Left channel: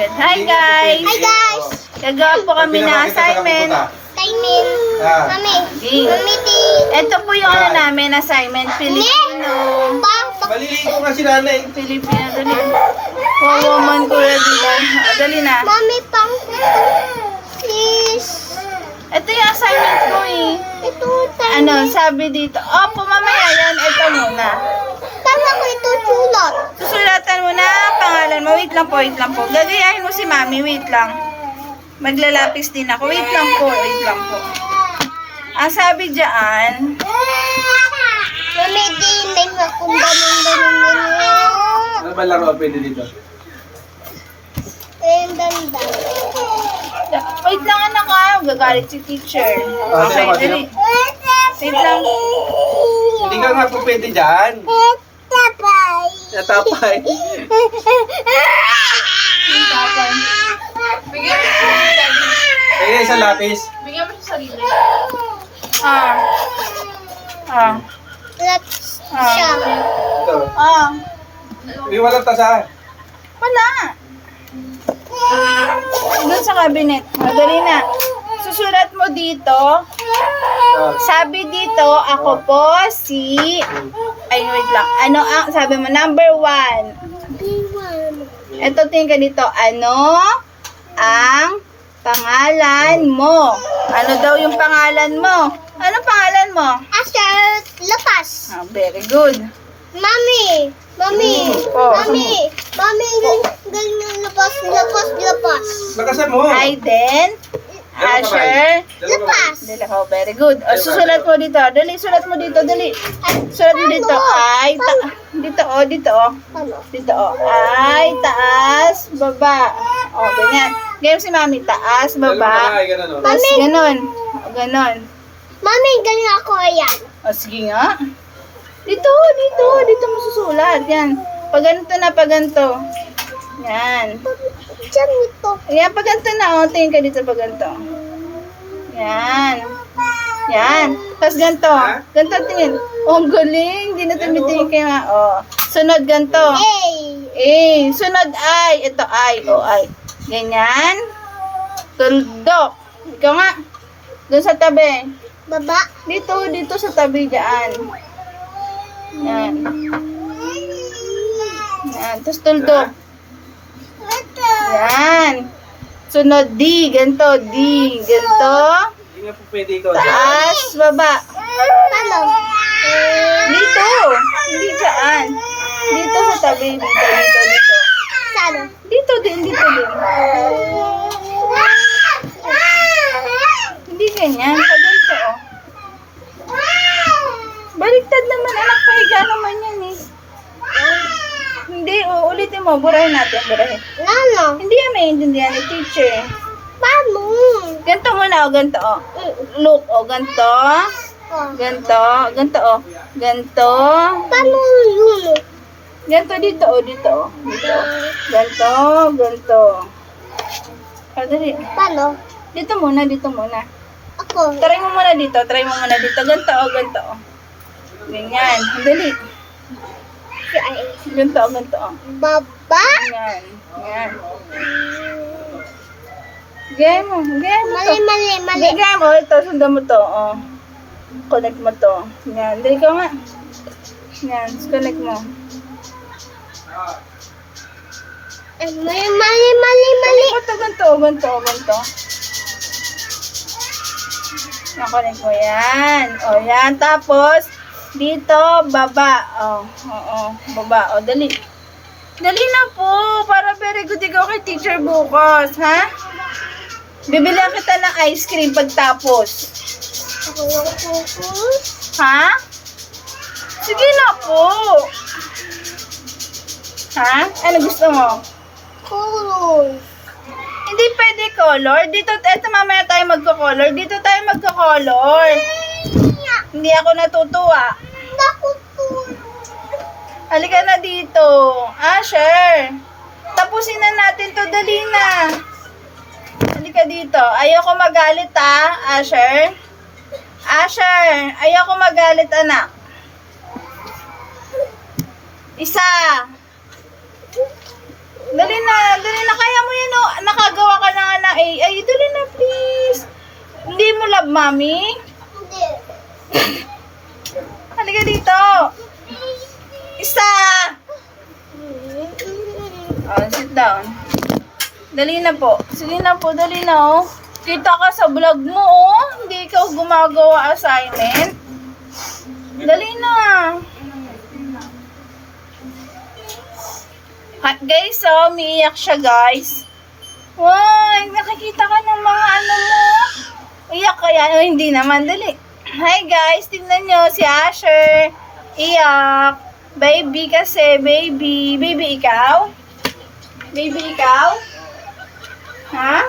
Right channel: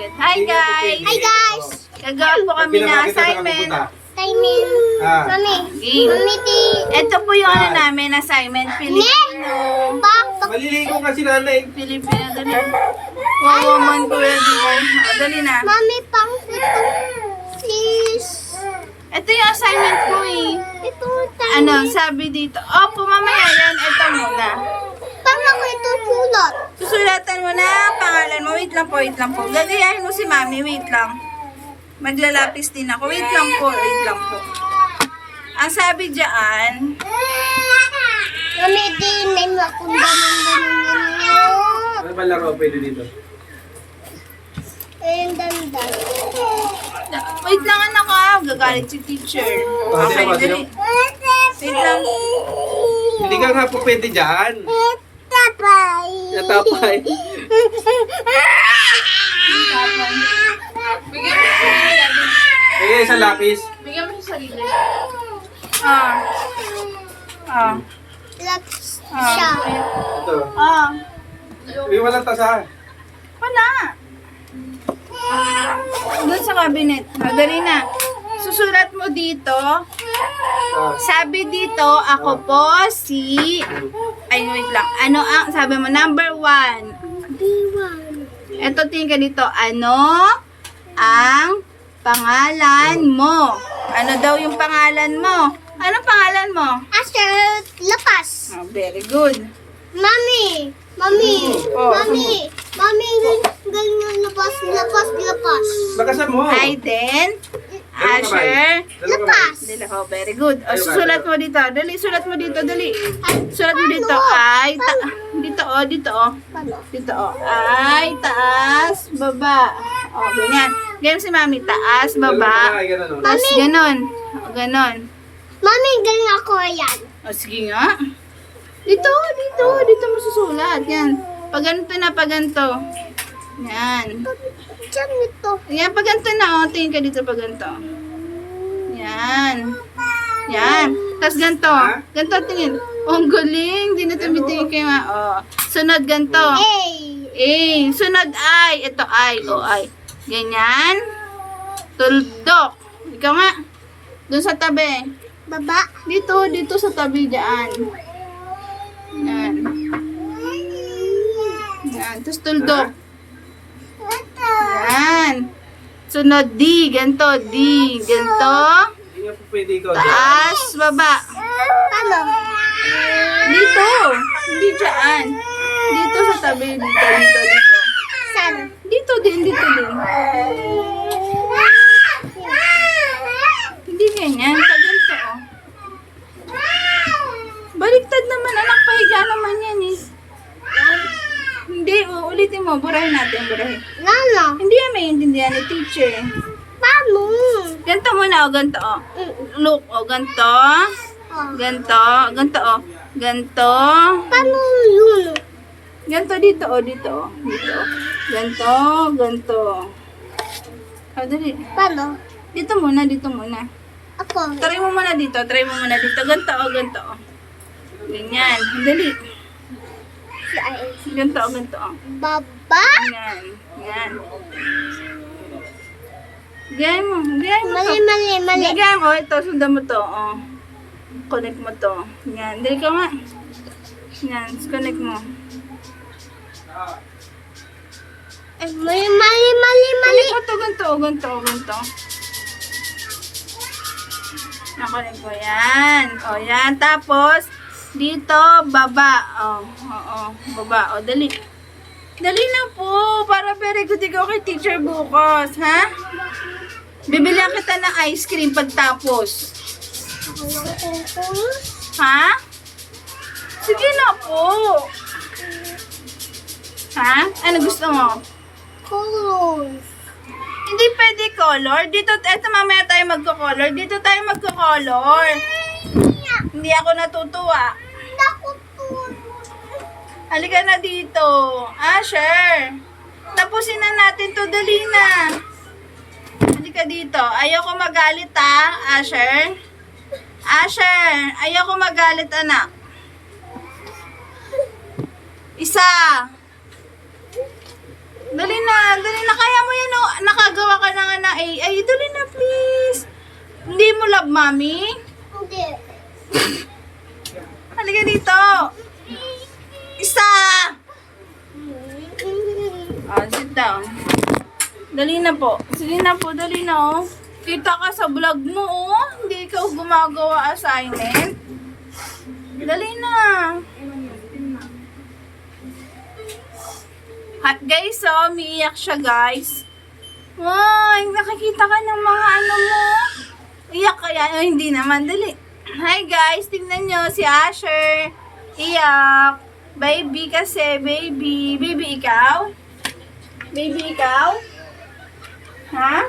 agad. Hi guys! Hi guys! Gagawa po kami ng assignment. Timing. Mami. Okay. Mami, Ito po yung ano namin, assignment. Filipino. Maliligo nga si nanay. Filipino, dali. Wawaman ko na dila. Dali na. Mami, pang please. Ito yung assignment ko eh. Ito, Ano, sabi dito. Opo, mamaya yan. Ito muna. Paano ko ito sulat? Susulatan mo na pangalan mo. Wait lang po, wait lang po. Gagayahin mo si mami, wait lang. Maglalapis din ako. Wait lang po, wait lang po. Ang sabi dyan, Mami, di may kung ganun. Ano ba laro pwede dito? Ayun, dandan. wait lang anak ah, gagalit si teacher. Okay, sino ba, dali. Wait lang. Hindi ka nga po pwede dyan. Tapay. Natapay. Bigyan mo sa sarili. Ayun, isang lapis. Bigyan mo sa sarili. Ah. Ah. Let's Ah. siya. Ito. Ah. Yung walang tasa. Wala. Doon sa cabinet. Madali na. Susulat mo dito. Sabi dito, ako po si... Ay, wait lang. Ano ang... Sabi mo, number 1. B1. Ito, tingin ka dito. Ano ang pangalan mo? Ano daw yung pangalan mo? Ano pangalan mo? Asher, lapas. Ah, very good. Mami. Mami. Oh. Mami. Mami, ganyan lapas, lapas, lapas. Lakasan mo. Aiden, Asher, Lapas. Dili, oh, very good. O, susulat mo dito. Dali, sulat mo dito. Dali. Sulat mo dito. Ay, dito, oh, dito, oh. Ano? Dito, oh. Ay, taas, baba. O, ganyan. Ganyan si mami. Taas, baba. Tapos, ganon. O, ganon. Mami, ganyan ako ayan. O, sige nga. Dito, dito. Dito mo susulat. Yan. Pag ganito na, pag ganito. Yan. Diyan ito. Yan, pag ganito na, oh. Tingin ka dito pag ganito. Yan. Yan. Tapos ganito. Ganito tingin. Oh, ang galing. Di na tumitingin kayo nga. Oh. Sunod ganito. Hey. Sunod ay. Ito ay. O ay. Ganyan. Tuldok. Ikaw nga. Doon sa tabi. Baba. Dito, dito sa tabi dyan. Yan. Yan. Tapos tuldok. Yan. Sunod D. Ganito. D. Ganito. Hindi nga po pwede ikaw dyan. Taas. Baba. Paano? Dito. Hindi dyan. Dito sa tabi. Dito, dito, dito. Saan? Dito din, dito din. Hindi ganyan. Pag ganito, oh. Baliktad naman, anak. Pahiga naman yan, eh. Hindi, ulitin mo. Burahin natin, burahin. Lalo. Hindi yan maintindihan ni teacher. Paano? Ganito muna, oh. Ganito, oh. Look, oh. Ganito. Oh. Ganito. Ganito, oh. Ganito. Paano yun? Ganito dito, oh. Dito, oh. Dito. Ganito, ganito. Oh, dali. Paano? Dito muna, dito muna. Ako. Try mo muna dito, try mo muna dito. Ganito, oh, ganito, oh. Ganyan. Dali. Si ay. Ganito, oh, ganito, oh. Baba. Ganyan. Ganyan. Gaya mo. Gaya mo to. Mali, mali, mali. Gaya mo. Ito, sundan mo to, oh. Connect mo to. Ganyan. Dali ka nga. Ganyan. Connect mo. Mali, mali, mali, mali. Connect mo to, ganito, oh, ganito, oh, ganito. Nakonek mo yan. O, yan. Tapos, dito, baba. O, baba. O, dali. Dali na po. Para very good ikaw kay teacher bukas, ha? Bibili kita ng ice cream pagtapos. Ha? Sige na po. Ha? Ano gusto mo? Cool. Hindi pwede color. Dito, eto mamaya tayo magko-color. Dito tayo magko-color. Hindi ako natutuwa. Naku po. Halika na dito. Asher. Tapusin na natin to. Dali na. Halika dito. Ayoko magalit ha, Asher. Asher. Ayoko magalit anak. Isa. Dali na. Dali na. Kaya mo yan na. Ay, dali na, please. Hindi mo love, mommy? Hindi. Halika dito. Isa! Oh, sit down. Dali na po. Sige na po, dali na, oh. Kita ka sa vlog mo, oh. Hindi ikaw gumagawa assignment. Dali na. Guys, oh, umiiyak siya, guys. Wow, nakikita ka ng mga ano mo. Iyak kaya? Oh, hindi naman, dali. Hi, guys. Tingnan nyo, si Asher. Iyak. Baby kasi, baby. Baby, ikaw? Baby, ikaw? Ha?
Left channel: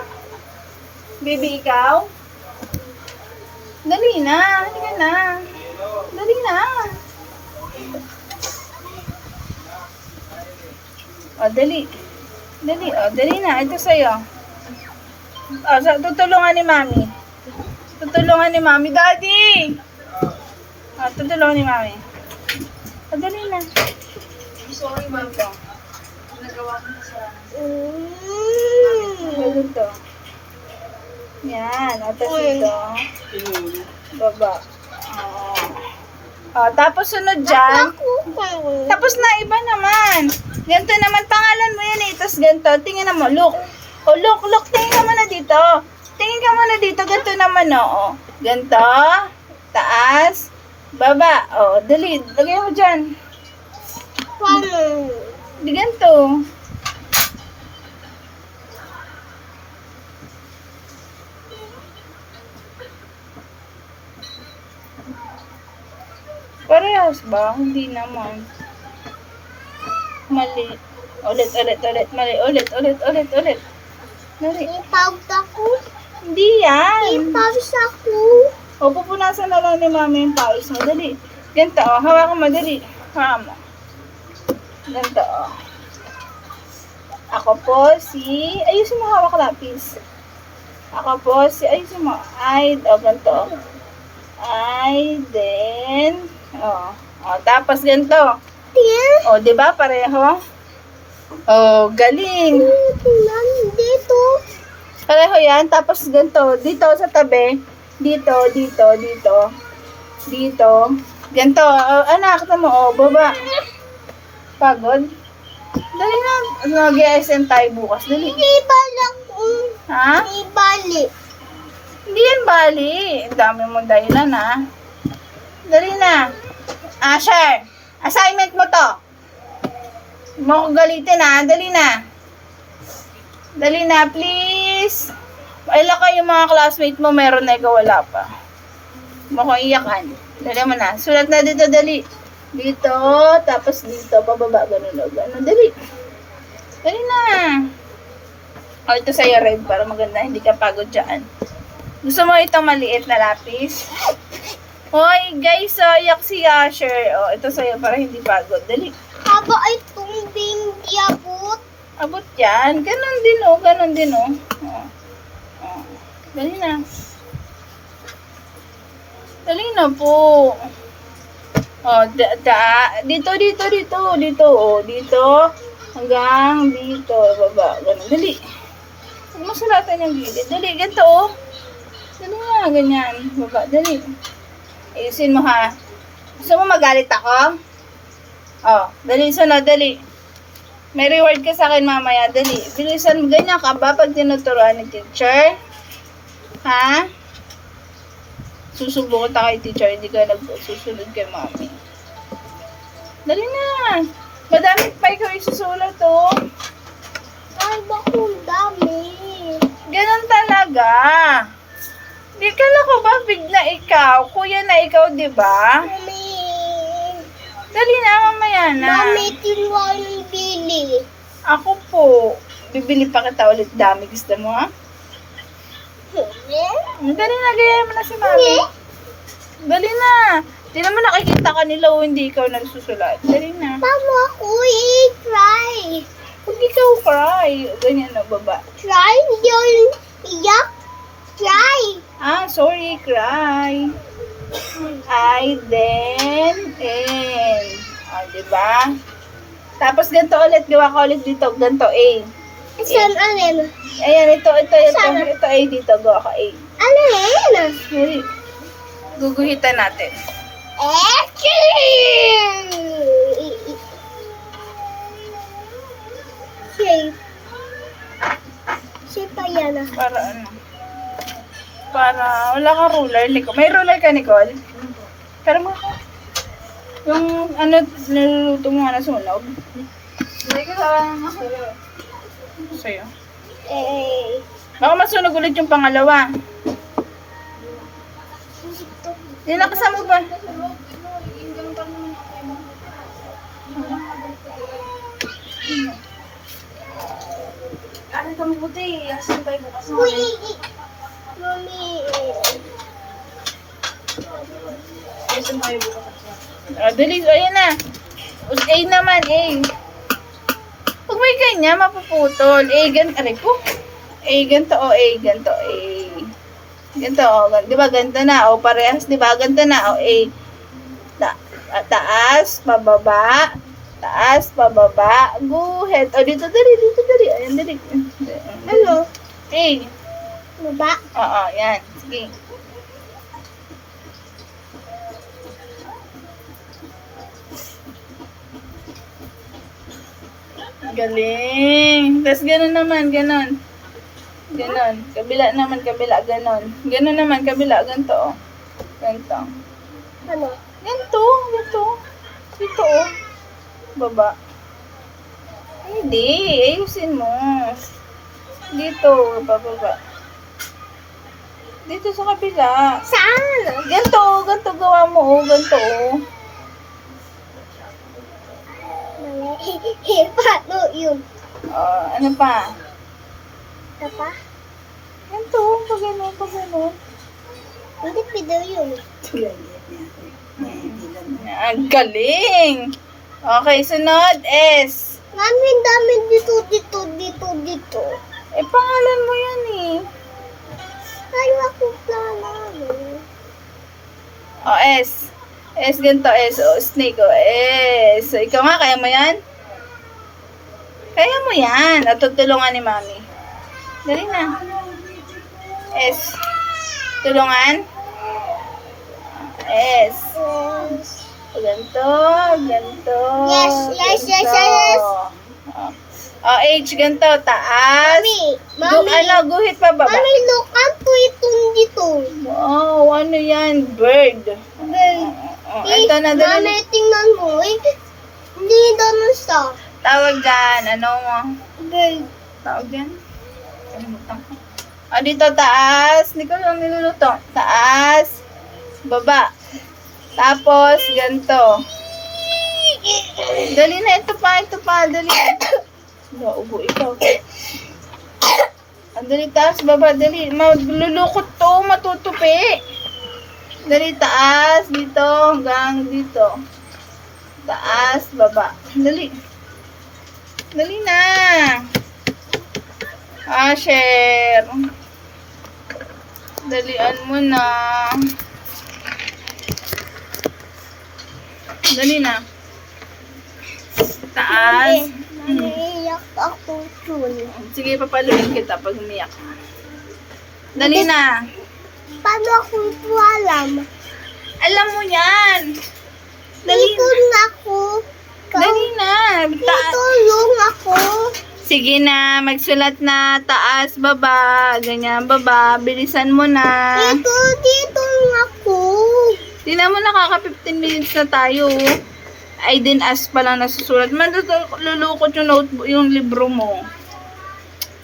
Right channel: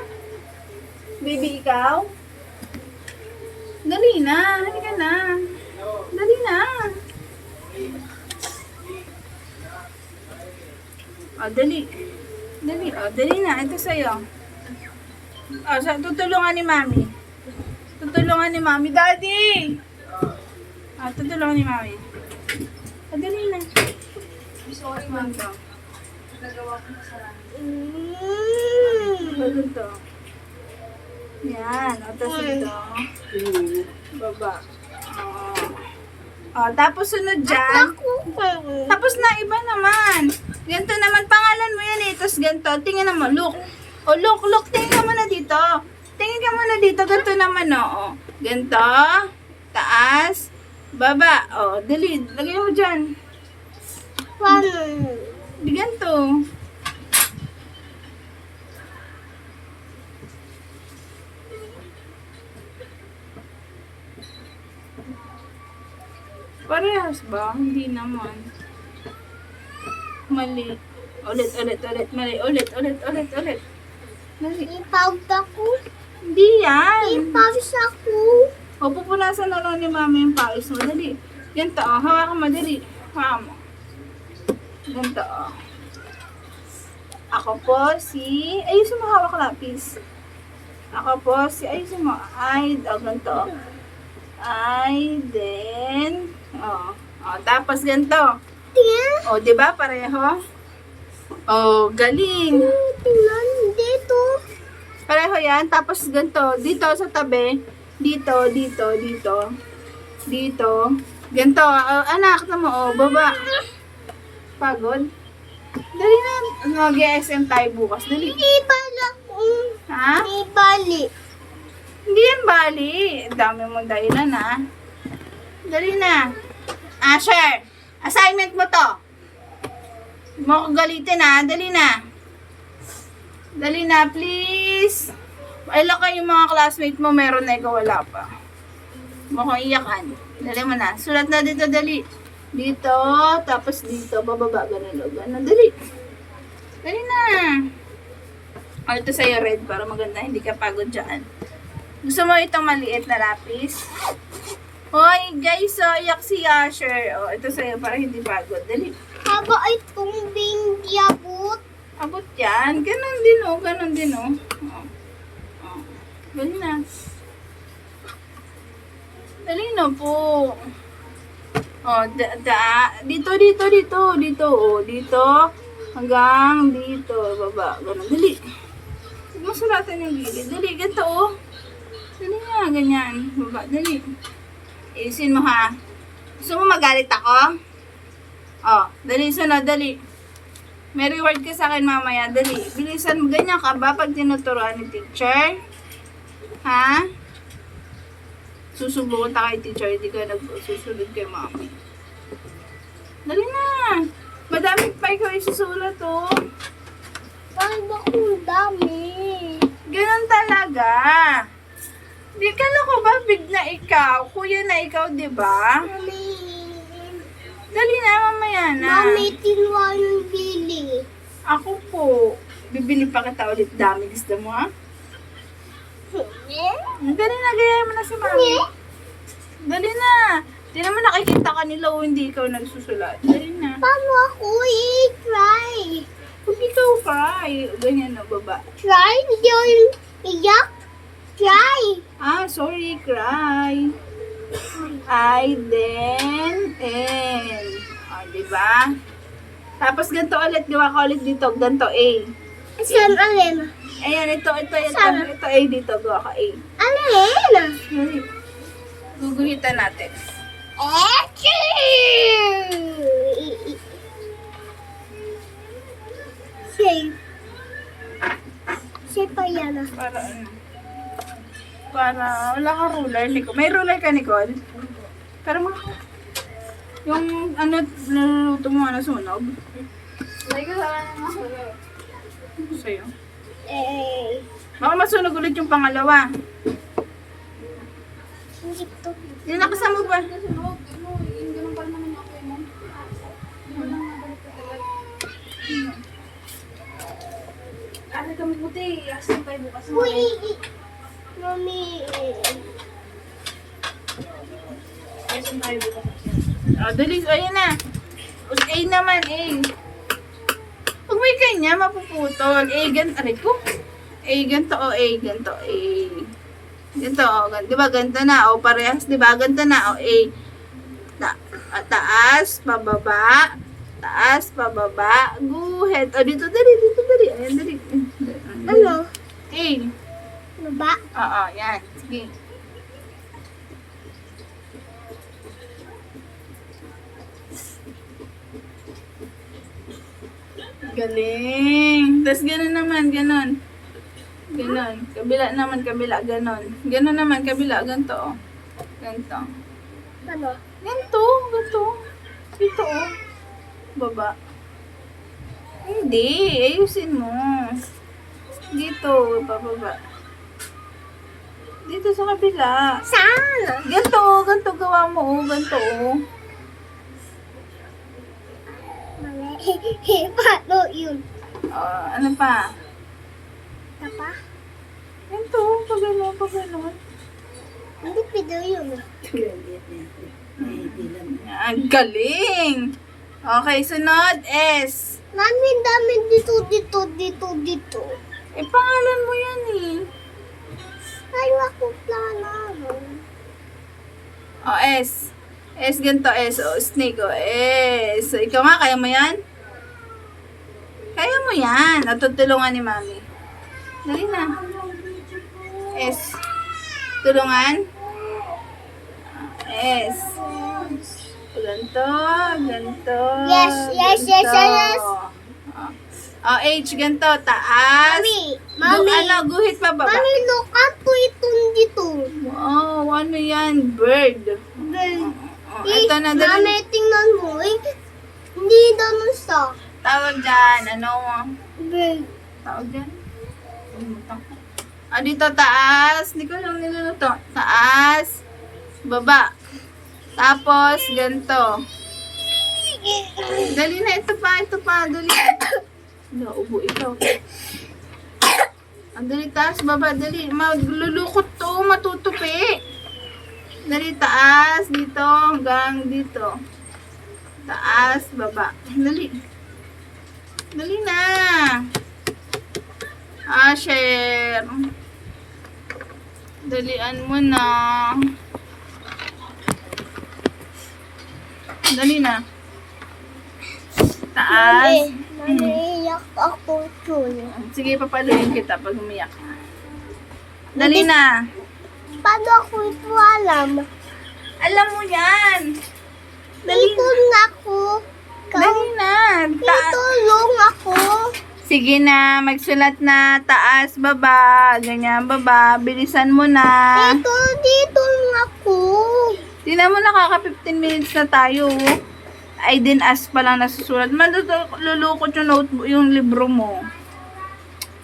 Baby, ikaw? Dali na. Halika na. Dali na. O, dali. Dali, o. Dali na. Ito sa'yo. O, tutulungan ni Mami. Tutulungan ni Mami. Daddy! O, tutulungan ni Mami. O, dali na. Sorry, Mami. Nagawa ko na siya. Ganun to. Yan. O, tapos ito. Baba. Oo. O, tapos sunod dyan. Tapos na, iba naman. Ganito naman, pangalan mo yan eh. Tapos ganito, tingin na mo, look. O, look, tingin ka muna dito. Tingin ka muna dito, ganito naman, o. Ganito, taas, baba. O, dali, lagay mo dyan. Di ganito. Parehas ba? Hindi naman. Mali. Ulit. Mali. Ulit. Dali. May pawis ako. Hindi May yan. pawis ako. O, pupunasan na lang ni mami yung pawis mo. Dali. Ganito, o. Hawakan mo. Dali. Hawakan mo. Ganito, o. Ako po si... Ayusin mo hawak lapis. Ako po si... Ayusin mo. O, ganito. Then... O, tapos ganito. Tingnan. O, di ba pareho? O, galing. Tingnan dito. Pareho yan. Tapos ganito. Dito sa tabi. Dito. Ganito. Anak, tama mo. O, baba. Pagod? Dali na. Mag-SM tayo bukas. Dali. Ibalak. Ha? Ibalik. Hindi yan bali. Ang dami mong dahilan, ha? Dali na. Asher, assignment mo to. Huwag mo ko galitin, ha? Dali na. Dali na, please. Ilan kayo mga classmate mo, meron na ikaw, wala pa. Huwag mo ko iyakan. Dali mo na. Sulat na dito, dali. Dito, tapos dito, bababa, ganun. Dali. Dali na. O, ito sa'yo red para maganda, hindi ka pagod dyan. Gusto mo itong maliit na lapis? Hoy, guys, yak si Asher. O, ito sa'yo para hindi pagod. Dali. Haba itong hindi abot. Abot yan. Ganon din, o. Dali na. Dali na po. O, dito, o. Dito, hanggang dito. Baba, ganon. Dali. Huwag mo sulatan yung gilid. Dali, ganito, o. Dali na, ganyan. Baba, dali. Ayusin mo, ha. Gusto mo magalit ako? Oh, dali, sunod, dali. May reward ka sa akin mamaya, dali. Bilisan mo, ganyan ka ba pag tinuturuan ni teacher? Ha? Susubukan ta kay teacher, hindi ka nagsusunod kay mami. Dali na. Madami pa ikaw isusulat, oh. Haba kong dami. Ganun talaga. Di kala ko ba bigla ikaw? Kuya na ikaw, di ba? Mami. Dali na, mamaya na. Mami, tinuwa yung bili. Ako po. Bibili pa kita ulit dami. Gusto mo, ha? Dali na, gaya mo na si mami. Dali na. Di naman nakikita ka nila o hindi ikaw nagsusulat. Dali na. Paano ako i-try? Huwag ikaw cry. Ganyan na, baba. Try? Hindi ako yung iyak? Try. Ah, sorry, cry. Then, N. O, diba? Tapos ganito ulit, gawa ka ulit dito. Ganito, A. Saan alin? Ayan, ito. Ito A dito. Go ako A. Alin? Dali. Guguhitan natin. Shape. Shape pa yan ah. Para ano? Para, wala ka ruler, Nicole. May ruler ka, Nicole? Pero mo ako. Yung, ano, niluluto mo, sunog? May ka sa sa'yo. Baka masunog ulit yung pangalawa. Hindi nakasama ba? Aray ka mabuti. Asin tayo bukas mo. Mami. Asin tayo bukas. Dali. Ayan na. A naman, A. Pag may kanya, mapuputol. A, aray ko. A, ganito, o A, ganito, A. Ganito, o. Di ba, ganito na, o. Parehas, di ba, ganito na, o. A. Taas, pababa. Taas, pababa. Guhit. O, dito, dali. Ayan, dali. Ano? A. Baba? Oo, yan. Sige. Galing. Tapos gano'n naman, gano'n. Ganon. Kabila naman, kabila, ganon. Ganon naman, kabila, ganito, oh. Ganito. Ano? Ganito, ganito. Dito, oh. Baba. Hindi, ayusin mo. Dito, bababa. Dito sa kabila. Saan? Ganito, ganito gawa mo, oh. Ganito, oh. Mali. Paano yun? Ano pa? Ito pa? Ganito, pag gano'n, pag gano'n. Hindi pwede yun. Ang galing! Okay, sunod S. Mami, dami dito. Pangalan mo yan eh. Ayaw ako plano. S. S ganito, S. Snake, S. So, ikaw nga, kaya mo yan? Kaya mo yan. At tutulungan ni Mami. Dali na. S. Tulungan. S. Ganito, ganito. Yes. H, ganito, taas. Mami. Guhit pa baba. Mami, look up to itong dito. Wow, ano yan? Bird. Ito na, dali. Mami, tingnan mo. Hindi ganun sa Tawag dyan, ano mo? bird. Tawag dyan? Dito, taas. Hindi ko lang niluluto. Taas. Baba. Tapos, ganito. Dali na, ito pa. Dali. Ubo, ikaw. Dali, taas, baba, dali. Maglulukot to, matutupi. Dali, taas, dito, hanggang dito. Taas, baba. Dali. Dali na. Share. Dalian mo na. Dali na. Taas. Mami, iyak ako dun. Sige, papaluin kita pag umiyak ka. Dali na. Paano ako ito alam? Alam mo yan. Dito na ako. Dali na. Tulong ako. Sige na, magsulat na. Taas, baba. Ganyan, baba. Bilisan mo na. Dito na ako. Di na mo nakaka 15 minutes na tayo. I didn't ask pa lang nasusulat. Lulukot yung notebook, yung libro mo.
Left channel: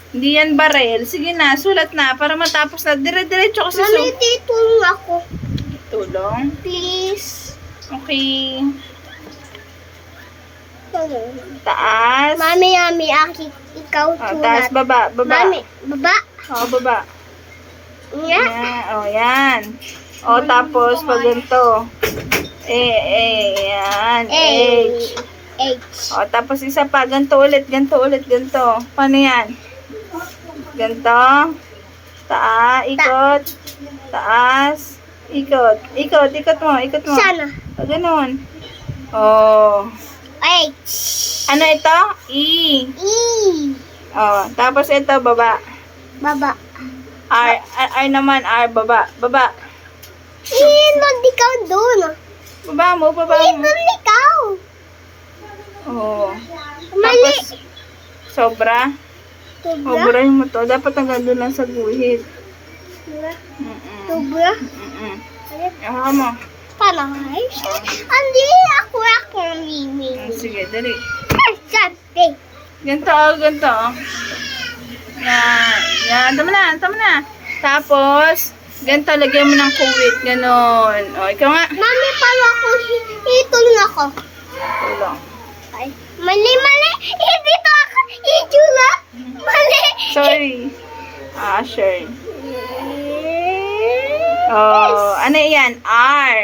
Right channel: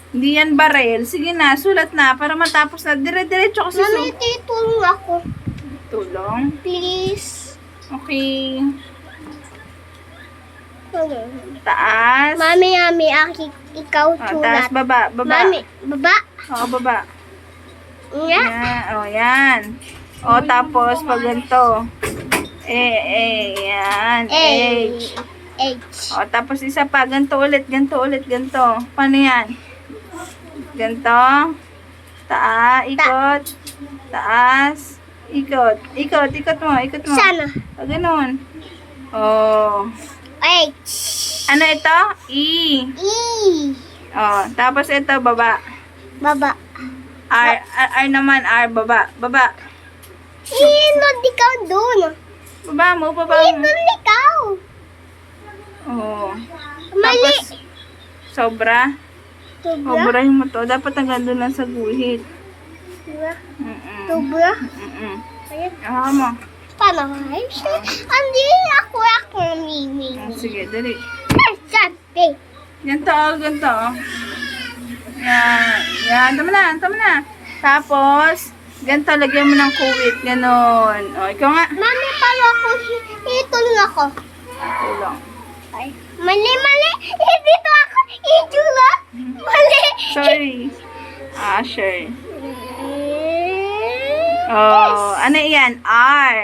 Hindi yan barel. Sige na, sulat na para matapos na. Dire-diretso ko sa Mami, tulong ako. Tulong? Please. Okay. Tulong. Taas. Mami, ikaw Taas, sulat. baba. Mami, baba. Baba. Nga. Yan. Tapos, pag ganito. Yan. H. Tapos isa pa. Ganito ulit. Ganito. Paano yan? Ganito. Ikot. Taas. Ikot mo. Sana. Ganun. H. Ano ito? E. Oh, tapos ito, baba. Baba. R naman, R, baba. Baba. Inon ikaw doon. Baba mo. Inon ikaw. Oh. Mali. Tapos, sobra. Tubra. Sobra yung mo to. Dapat hanggang doon lang sa guhit. Tubra. Mm-mm. Tubra. Mm-mm. Ayan. Aha mo. Paano guys? Andi ako mimi. Sige, dali. Sante. Ganito, ganito. Yan. Tama na. Tapos, ganito, lagyan mo ng kuwit. Ganon. O, ikaw nga. Mami, paano ako itulong ako? Tulong. Ay, mali. Dito ako itula. Mali. Sorry. Sure. Oh, ano yan? R.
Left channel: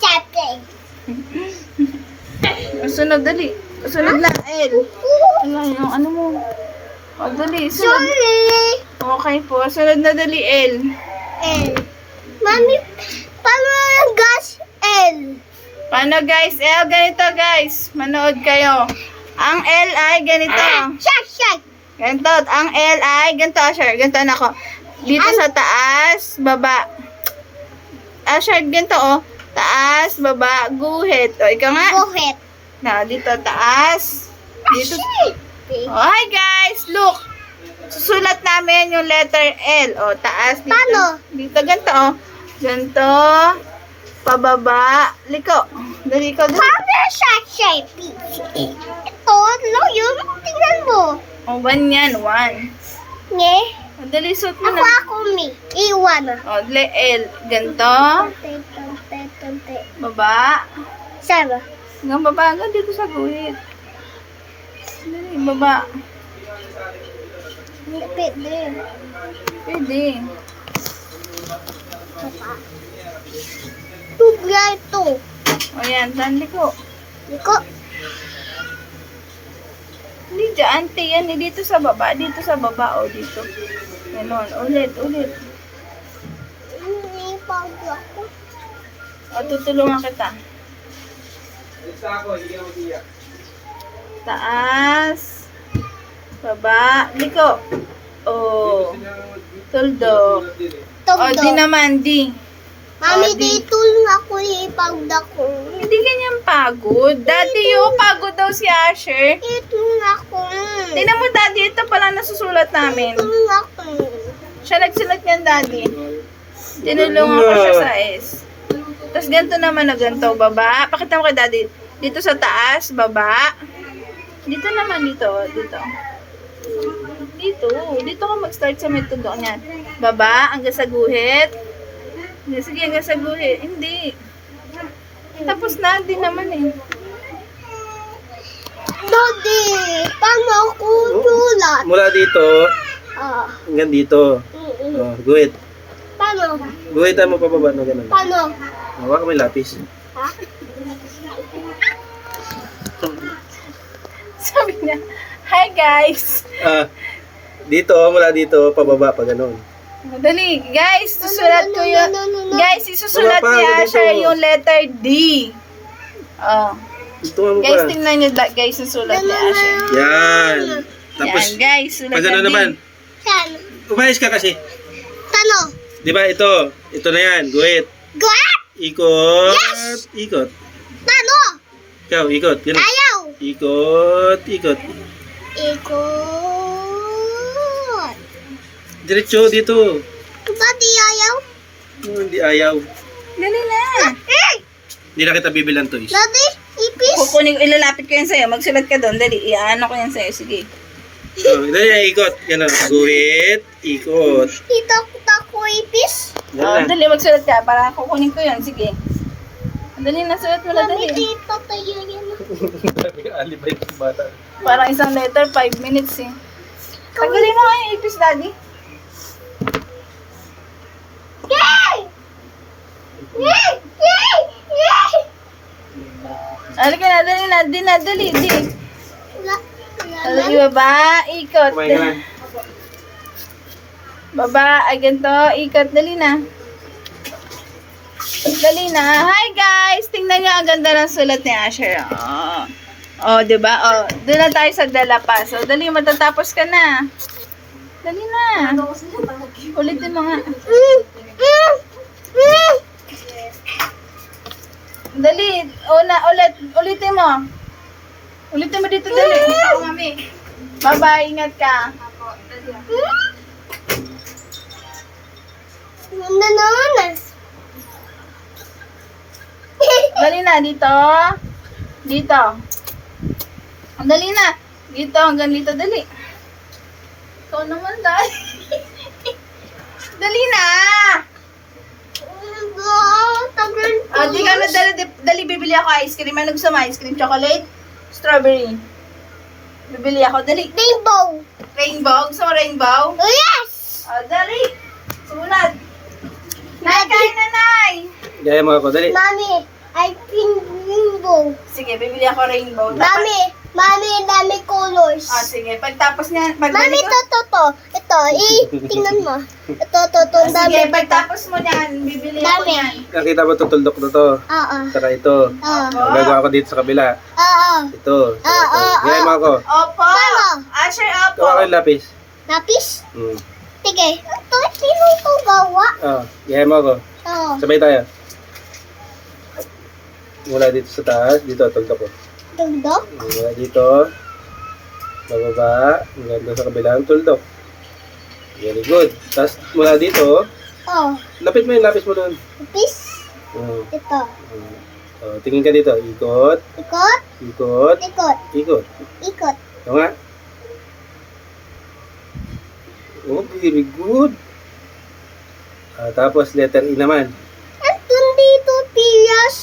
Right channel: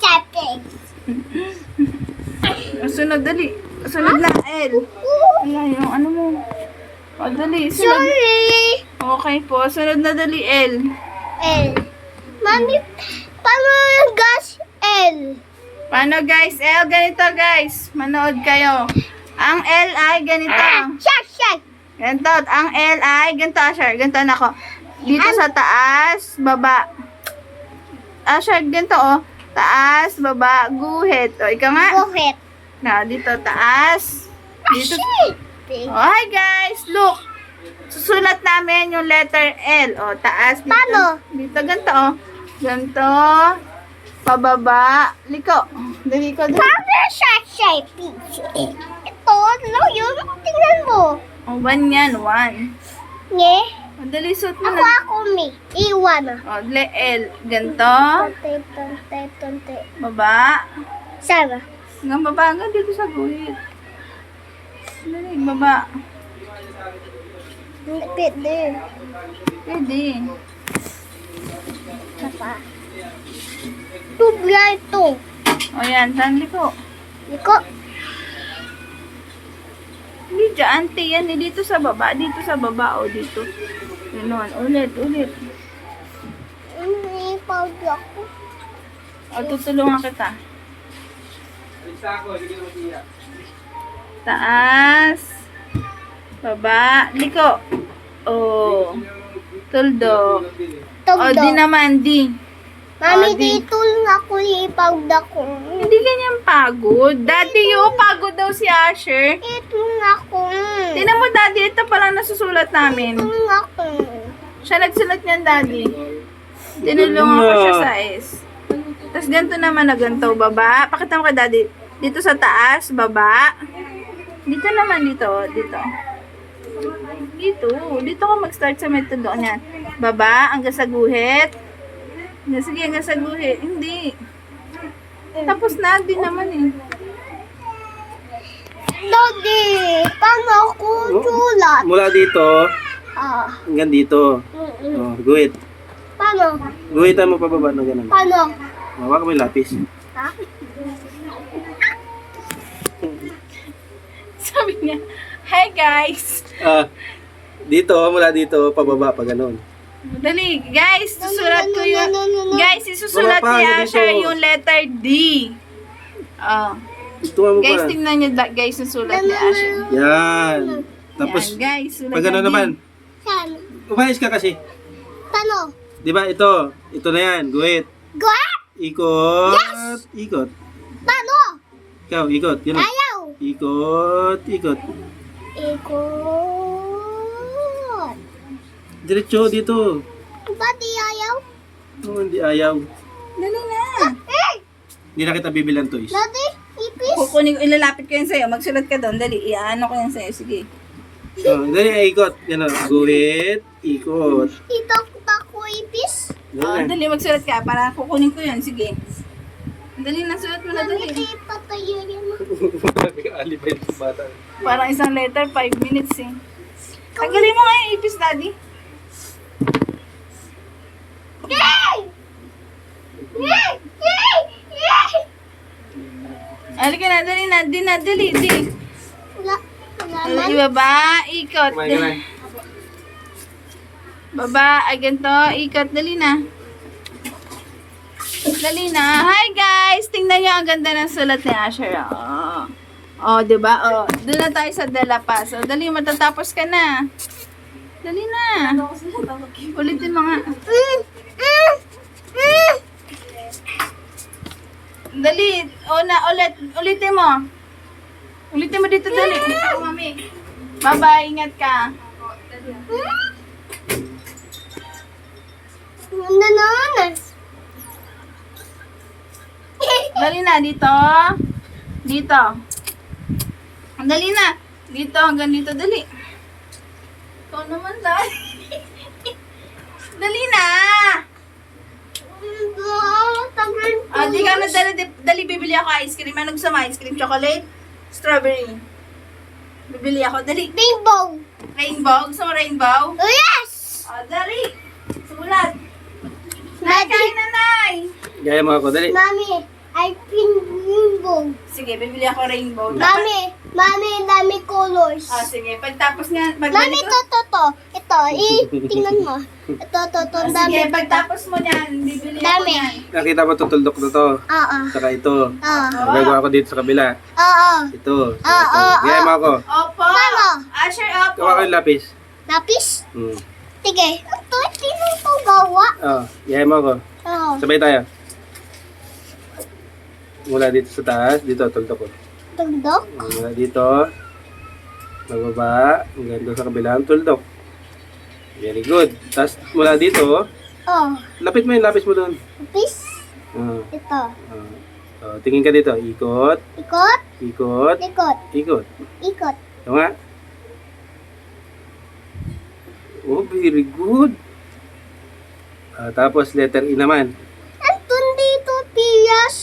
Sante. Sunod, dali. Sunod na, L. Ano yung ano mo? O, dali. Sunod. Sorry. Okay po. Sunod na, dali, L. L. Mami, paano yung gas L? Paano, guys? L, ganito, guys. Manood kayo. Ang L ay ganito. Shak. Ganito. Ang L ay ganito, Asher. Ganito na ako. Dito sa taas, baba. Asher, ganito, oh. Taas, baba, guhit. O, ikaw nga. Buhit. Na, dito, taas. Dito. Oh, hi, guys. Look. Susulat namin yung letter L. O, taas. Dito. Paano? Dito, ganito, oh. Ganito. Pababa. Liko. Dali ko. Paano shak? Ito, lang yun. Tingnan mo. O, 1 yan. 1. Nye? O, dali, suot mo Ako na. mi. Iwan. O, dali, L. Ganito. Tante. Baba. Sama. Hanggang baba. Hanggang dito sa guhit. Dali, baba. Pwede. Pwede. Papa. Tubla ito. O, yan. Saan liko? Iko. Hindi dyan, te. Yan, eh, dito sa baba. Dito sa baba. O, dito. Ganon. Ulit. Hindi pa ako. O, tutulungan kita. Isa ako, hindi ako tiyak. Taas. Baba. Liko. O. Tuldok. O, di naman. Di. Mami, di. dito lang ako ipagda ko. Hindi ganyan pagod. Daddy, pagod daw si Asher. Ito lang ako. Tingnan mo, Daddy. Ito pala nasusulat namin. Ito lang ako. Siya nagsulat niyan, Daddy. Tinulungan ko siya sa S. Tapos ganito naman na ganito, baba. Pakita mo kay Daddy. Dito sa taas, baba. Dito naman, dito. Dito ka mag-start sa metodo niyan. Baba, hanggang sa guhit. Sige, hanggang sa guhit. Hindi. Tapos na, di naman eh. Daddy, paano ako sulat? Mula dito, Ah. hanggang dito. Oh, guhit. Paano? Guhitan mo pababa na ganun. Paano? Hawak mo yung lapis. Ha? Sabi niya, hi guys. Dito, mula dito, pababa pa ganun. Dali, guys, susulat ko yun. No. Guys, isusulat Wala pa, ni dito. Asher yung letter D. Oh. Dito mo Guys, pa. tingnan nyo, guys, yung sulat ni Asher. Yan. Tapos, Yan, guys, sulat pag ano na D. naman, Saan? umayos ka kasi. Tano? Di ba ito? Ito na yan, guhit. Guhat? Ikot. Yes! Ikot. Tano? Ikaw, ikot. Ganun. Ayaw. Ikot. Ikot. Diretso dito. Daddy, ayaw? Oh, hindi ayaw. Dali na. Hindi na kita bibilang toys. Daddy, ipis? Kukunin, ilalapit ko yan sa'yo. Magsulat ka doon. Dali, iano ko yan sa'yo. Sige. Oh, dali, ikot. Ganun. Guhit. Ikot. Dito ko ipis? Oh, Yan na. dali, magsulat ka. Para kukunin ko yan. Sige. Dali na, sulat mo na, Mami, dali. di patayo yan. Alibay ng bata. Parang isang letter, 5 minutes eh. Tanggalin mo nga yung ipis, Daddy. Yay! Yay! Yay! Yay! Halika na, dali. Wala. Halika, baba, ikot. Kumain ka na. Baba, ay ganito, ikot, dali na. Hi guys! Tingnan nyo ang ganda ng sulat ni Asher. Oh. Oh, di ba? Oh, doon na tayo sa dalapas. So, dali, matatapos ka na. Dali na. Ulitin mo nga. Dali. O na, ulitin mo. Ulitin mo dito, dali. Bye-bye, ingat ka. Nananas. Dali na, dito. Dito. Dali na. Dito, hanggang dito, dali. Ikaw naman, dali. Dali na. Tagal Di ka na, dali, bibili ako ice cream. Ano gusto mo? Ice cream, chocolate? Strawberry. Bibili ako, dali. Rainbow. Rainbow? Gusto mo rainbow? Oh, yes! Dali. Sulat. Nay, kain na, Nay. Gaya mo ako, dali. Mami, I think rainbow. Sige, bibili ako rainbow. Mami, dami colors. Sige. Pagtapos niyan, Mami, to. Ito, tingnan mo. Ito, ang dami. Sige, pagtapos mo niyan, bibili ako Dami. niyan. Nakita mo tutuldok na to. Oo. Saka ito. Oo. Gagawa ko dito sa kabila. Oo. Ito. Gaya mo ako. Opo. Paano? Asher, opo. Gawa ko yung lapis. Lapis? Hmm. Sige. Ito, sino ito gawa? Gaya mo ako. Oo. Sabay tayo. Mula dito sa taas, dito, tuldok ko. Tugdok? Mula dito, bababa, hanggang doon sa kabilang tuldok. Very good. Tapos mula dito, Oo. lapit mo yung lapis mo doon. Lapis? Ah, Ito. so, tingin ka dito. Ikot, Ikot? ikot, Ikot. ikot. Ikot. Ito nga. Oh, very good. Tapos letter E naman. Andun dito, Pias.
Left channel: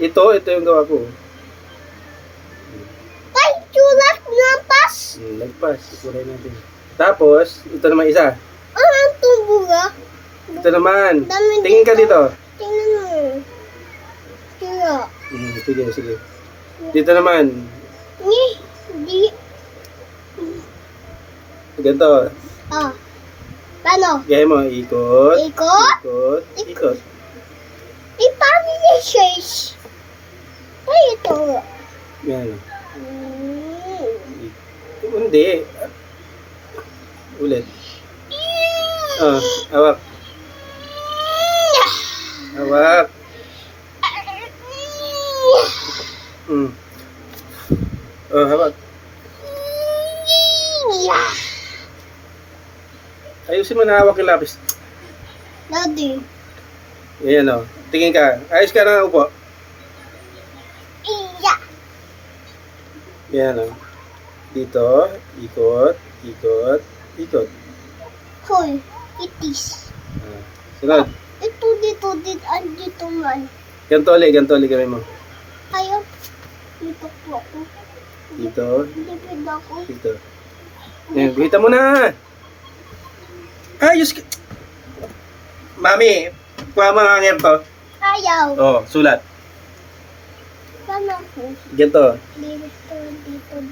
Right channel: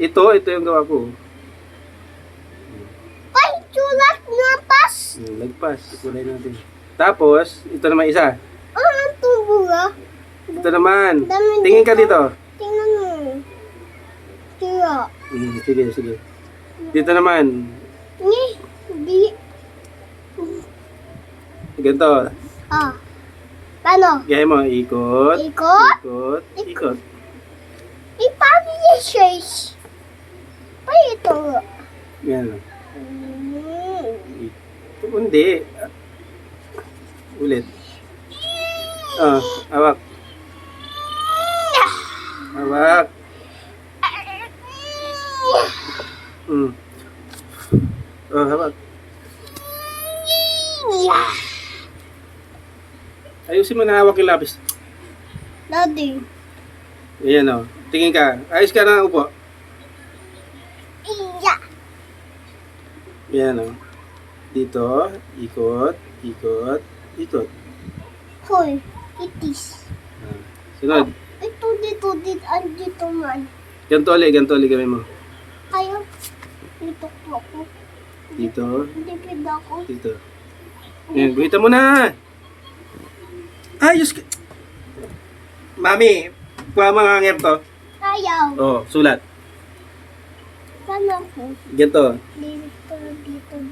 Ito yung gawa ko. Ay, sulat ng pas. Lagpas, ikulay natin. Tapos, ito naman isa. Ang tumbuga. Ito naman. Dami Tingin ka dito. Tingnan mo. Tira. Sige. Dito naman. Di. Ganito. Paano? Gaya mo, ikot. Ikot? Ikot. Paano yung shares? Ay, ito. Yan. Hindi. Ulit. Hawak. Hawak. Hawak. Ayusin mo na hawak yung lapis. Daddy. Ayan o. Tingin ka. Ayos ka na upo. Iya. Yan o. Dito. Ikot. Hoy, itis. Sunod. Ito dito, andito man. Ganto ulit gawin mo. Ayaw. Dito po ako. Dito. Lipid ako. Dito. Ayan, guhitan mo na. Ayos ka. Mami, kuha mo nga ngayon to. Ayaw. Oh, sulat. Saan ako? Ganto. Dito.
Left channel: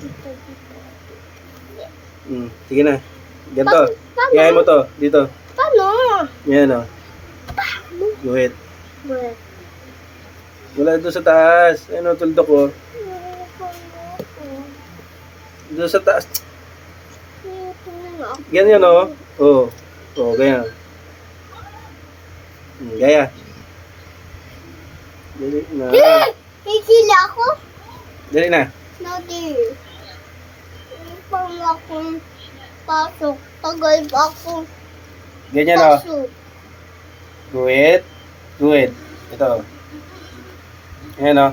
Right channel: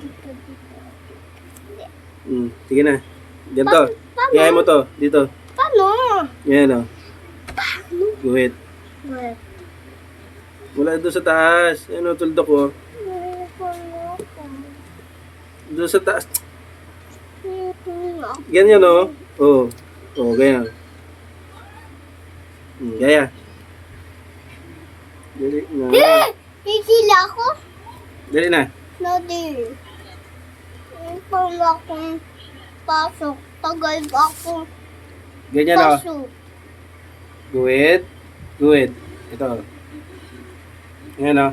Sige na. Ganto. Paano? Iyahin mo to. Dito. Paano? Yan o. Guhit. Wait. Mula doon sa taas. Ano, tuldok ko. Doon sa taas. Ganyan o. Oo, ganyan. Gaya. Dali na. Hihila ako? Dali na. Daddy. Paano akong pasok? Tagal ba akong Ganyan o. pasok? Guhit. Ito. Ayan o.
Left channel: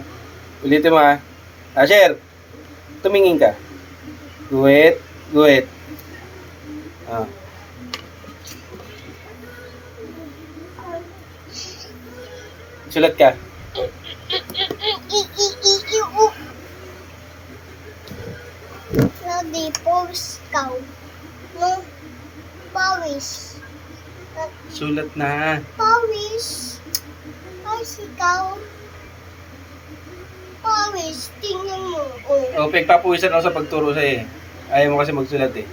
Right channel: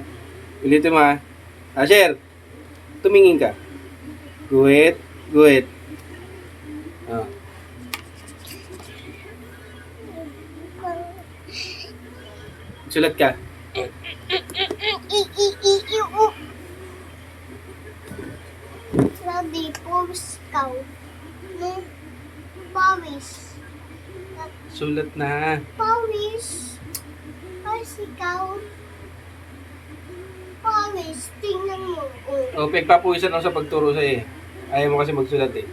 Ulitin mo ha. Asher. Tumingin ka. Guhit. Sulat ka. Daddy, pause ka. No? Pawis. Sulat na. Pawis. Ay, sikaw. Pawis. Tingnan mo. O, pagpapuwisan ako sa pagturo sa'yo eh. Ayaw mo kasi magsulat eh.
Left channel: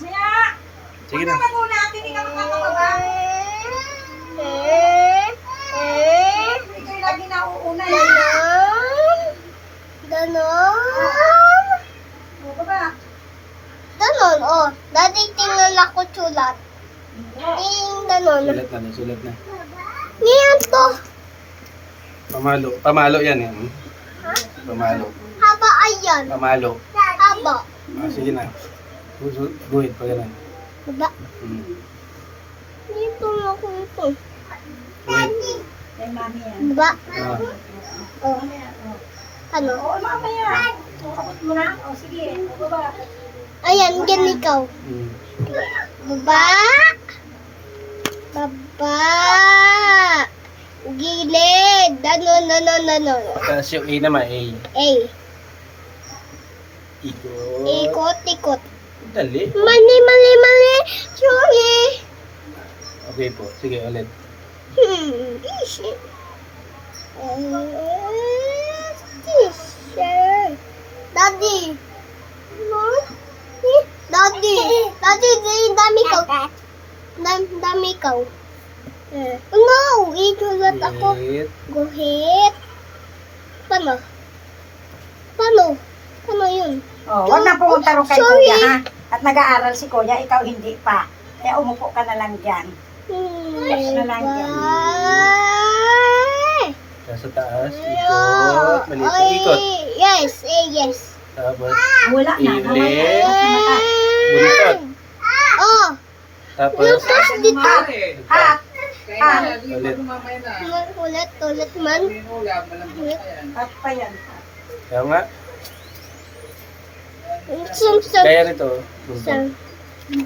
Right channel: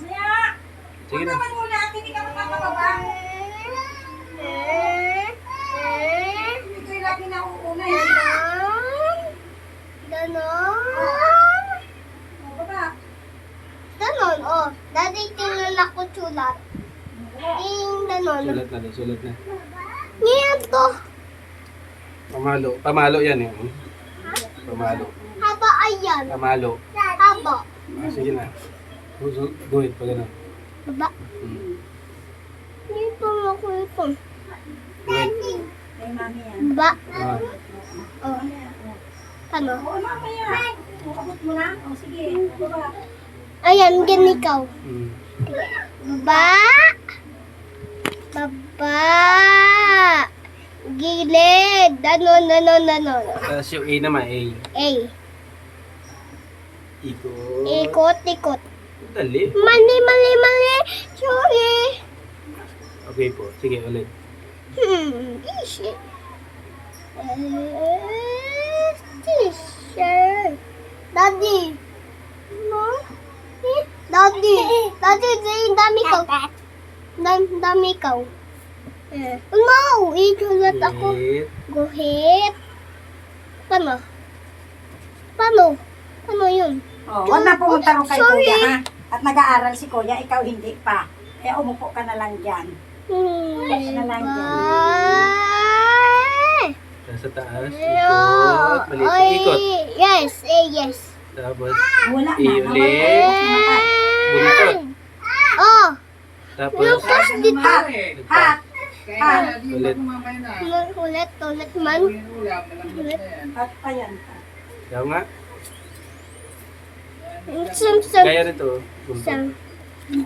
Siya! Sige na. Muna, hindi ka makakababa. Ganon. Ganon, oh. Dati tingnan ako sulat. Ganon. Sulat na. Ngayon to. Pamalo yan eh. Pamalo. Haba ayan. Pamalo. Haba. Sige na. Guhit pa gano'n. Baba. Dito ako ito. Guhit. Baba. Ah. Oh. Ano? Ayan, ganikaw. Baba. Baba. Gilid. Ano. Tapos yung A naman, A. A. Ikot. Ikot. Dali. Mali. Sorry. Okay po. Sige, ulit. Easy. Teacher. Daddy. No? Daddy. Dami ka. Dami ka. No, itulat ako. Guhit. Guhit. Paano yun? Oh, wag na pumunta rin kay Sorry. Kuya, ha? At nag-aaral si Kuya, ikaw hindi pa. Kaya umupo ka na lang dyan. Na lang yan. Tapos sa taas. Ikot. Maliit na ikot. Yes. Tapos, Wala na. Iulit. buntot. Oh, Tapos, tapos dito. Ha? ulit. Ulit man. Ulit. At pa yan. Kaya nga. Sam. Kaya nito. San.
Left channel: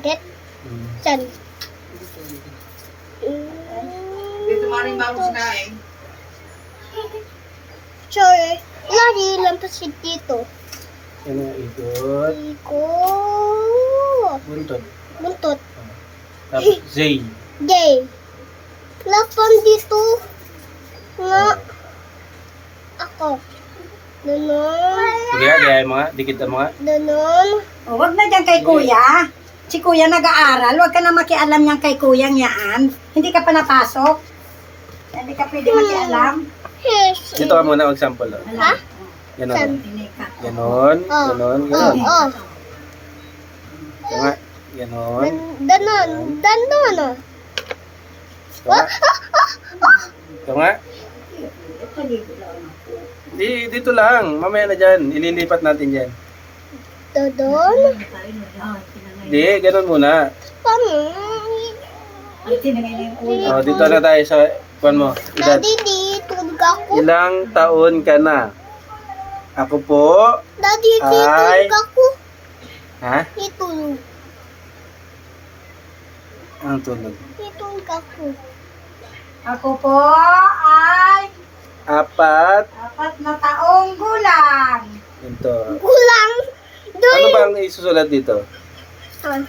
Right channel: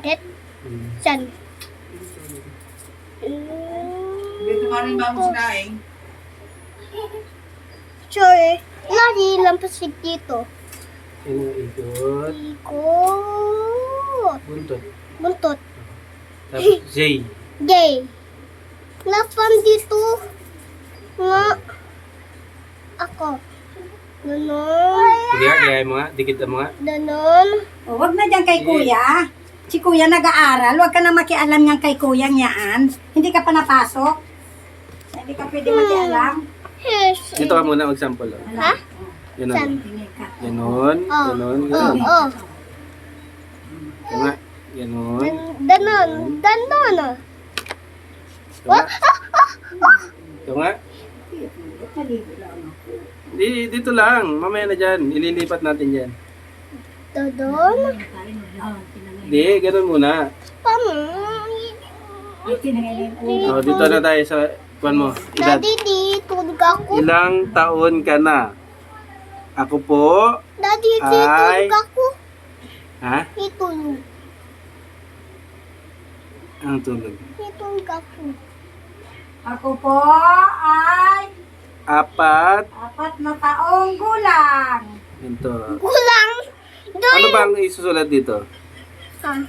Get. Hmm. San. Dito nga rin bago sinaing. Sorry. Lagi lampas dito. Yan ang ikot. Ikot. Buntot. Buntot. Tapos, Zay. Gay. Lapan dito. Nga. Ako. Ganon. Sige nga, gaya mo nga. Dikit mo nga. Ganon. Oh, wag na dyan kay Kuya. Si Kuya nag-aaral. Wag ka na makialam niyan kay Kuya niyaan. Hindi ka pa napasok. Hindi ka pwede makialam. Yes. Dito ka muna mag-sample. Oh. Ha? Ganon. San? Hindi ka. Ganon. Oh. Ganon. Oh, Ganon. oh. Kaya nga. Ganon. Ganon. Kaya nga. Kaya nga. Dito lang. Mamaya na dyan. Ililipat natin dyan. Dodon. Di, ganon muna. Paano? Oh, dito na tayo sa kuan mo. Daddy, dito ako. Ilang taon ka na? Ako po. Daddy, Ay. dito ako. Ha? Itulog. Ang tulog. Itulog ako. Ako po ay 4. 4 na taong gulang. Ito. Kulang. Ano bang isusulat dito? Huwag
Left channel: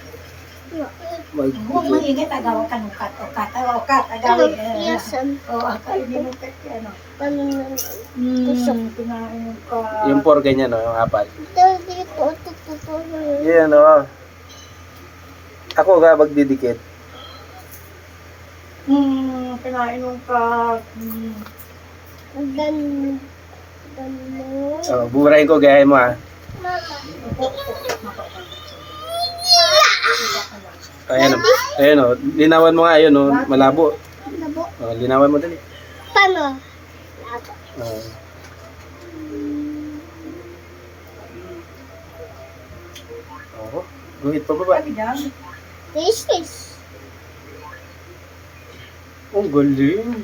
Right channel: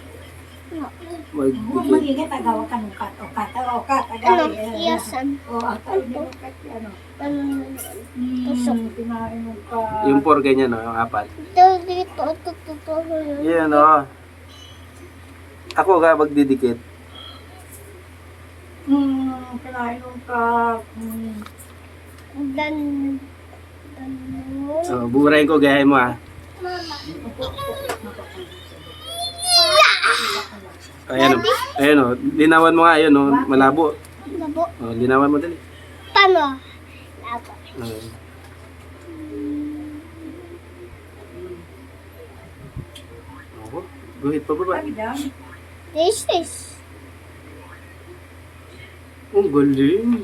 Mag-dikit. maingit, agaw ka nung kat. Agaw. Yasan. O, agaw. Hindi mo kat. Ano? Tusok. Pinain mo ka. Yung 4 ganyan, no? Yung 4. Dito. Yan, oh. Ako ga magdidikit. Pinain mo ka. Dan. Oh, buburahin ko, gayahin mo, ha? Ayan, oh. Ayan, oh. Linawan mo nga, ayun, oh. Malabo. Labo. Oh, linawan mo dali. Paano? Oh. Oh, guhit pa baba. This is. Oh, galing.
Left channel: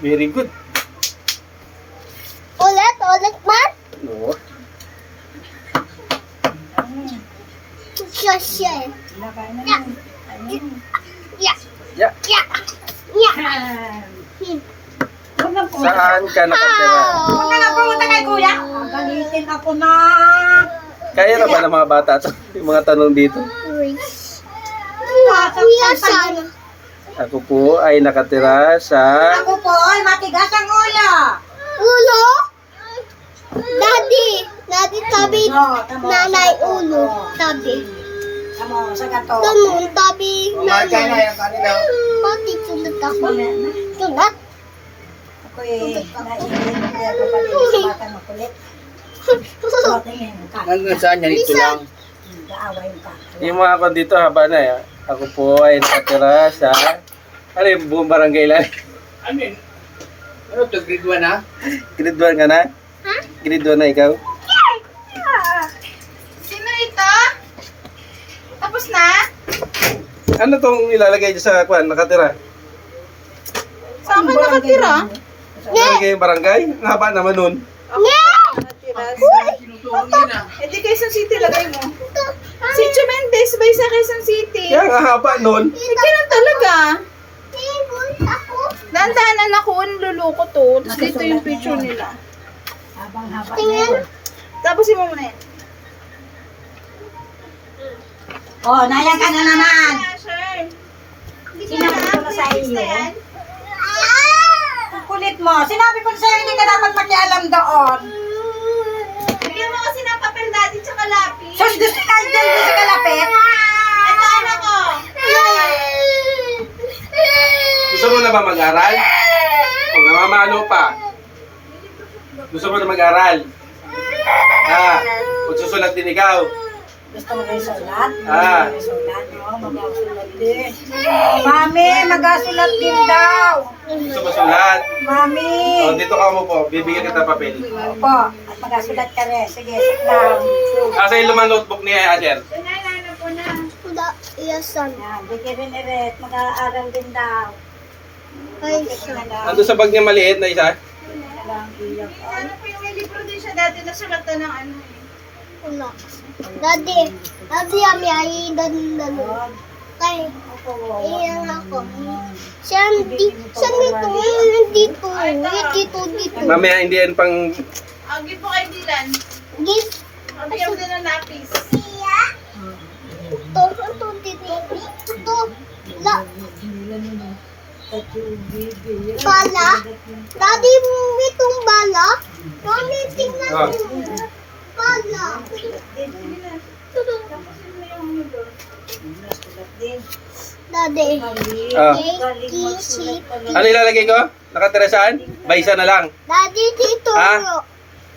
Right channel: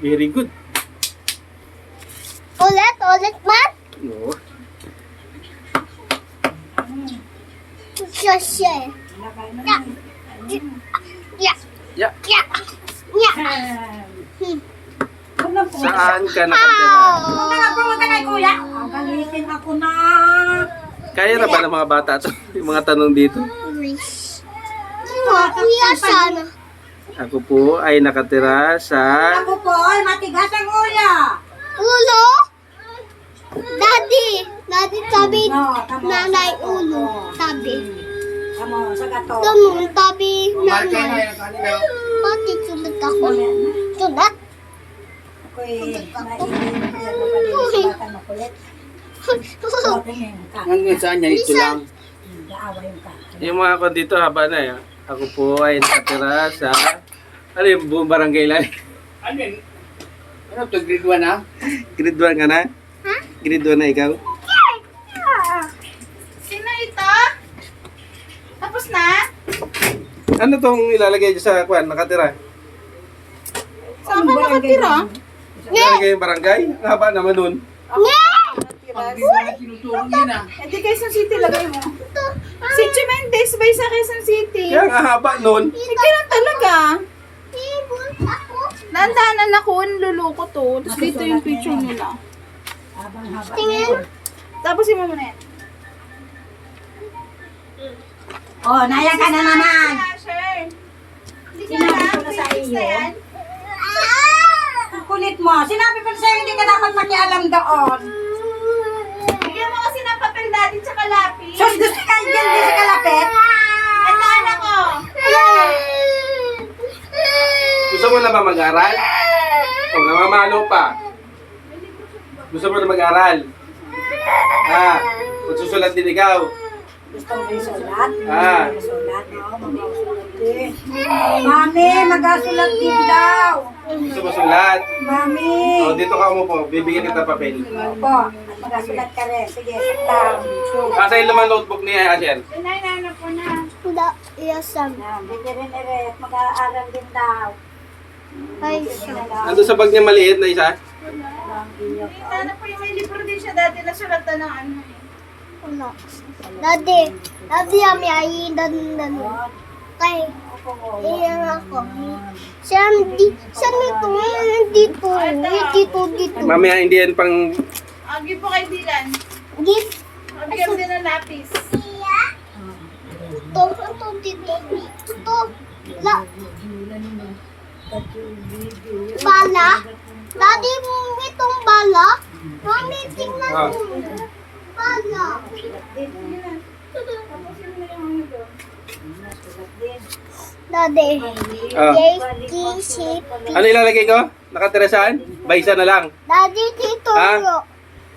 Very good. Ulit man. No. Siya. Ya. Yeah. Saan ka nakatira? Huwag na pumunta kay Kuya. Galitin ako na. Kaya na ba ng mga bata to? Yung mga tanong dito? Kuya sana. Ako po ay nakatira sa... Ako po ay matigas ang ulo. Ulo? Daddy tabi. No, tama. Nanay ulo. Tabi. Tamo, sa gato. Ganun, tabi nanay. Pati sulat ako. Sulat? Ako Ako naiinit kaya ko pa din sa bata makulit. Bata niya yung kaka. Hanggang saan yan? Ito lang. Gaawa yung kaka. Yung mga kon dito, haba na eh. Ako po ay nakatira sa... Ano yung buong barangay lang? Ano yun? Ano to? Grade 1 na? Grade 1 ka na? Grade 1 na ikaw? Sino ito? Tapos na? Ano tong ilalagay dyan sa kwan, nakatira? Saan ka nakatira? Ilalagay yung barangay? Ang haba naman nun. Tinutulong yun ah. Eh di Quezon City lagay mo. Si Mendes bay sa Quezon City. Kaya ang haba nun. Ganun talaga. Dandanan ako, niluluko to. Tapos dito yung picture nila. Habang-haba. Tapos mo muna yan. Oh, naya ka na naman. Sure. Sinabi ko na sa iyo. Ang kulit mo. Sinabi ko na sa iyo, hindi ka dapat makialam doon. Bigyan mo kasi ng papel natin tsaka lapis. Sus, gusto ka dyan sa kalapit? Ito anak ko. Gusto mo na ba mag-aral? O namamalo pa? Gusto mo na mag-aral? Magsusulat din ikaw. Gusto mo rin sulat? Ah. Sulat, no? Mag-sulat din. Mami, mag-sulat din daw. Gusto mo sulat? Mami. O, dito ka mo po. Bibigyan kita papel. Opo, at mag-sulat ka rin. Sige, sit down. Asa yung lumang notebook ni Asher? Nanana po na. Iyasan. Yan, bigyan rin rin. Mag-aaral din daw. Ay, Ando sa bag niya maliit na isa? Ano po yung may libro din siya dati na sulatan ng ano eh. wala. Daddy, ami ay dan. Kay, iyan ako. Saan dito? Dito. Mamaya hindi yan pang... Agi po kay Dylan. Gis. Bigyan mo din ng lapis. Ito. Bala? Daddy, itong bala? Mami, tingnan Ah. mo. Bala. Daddy. Ah. Isip. Ano ilalagay ko? Nakatira saan? Baysa na lang. Daddy, dito. Ah?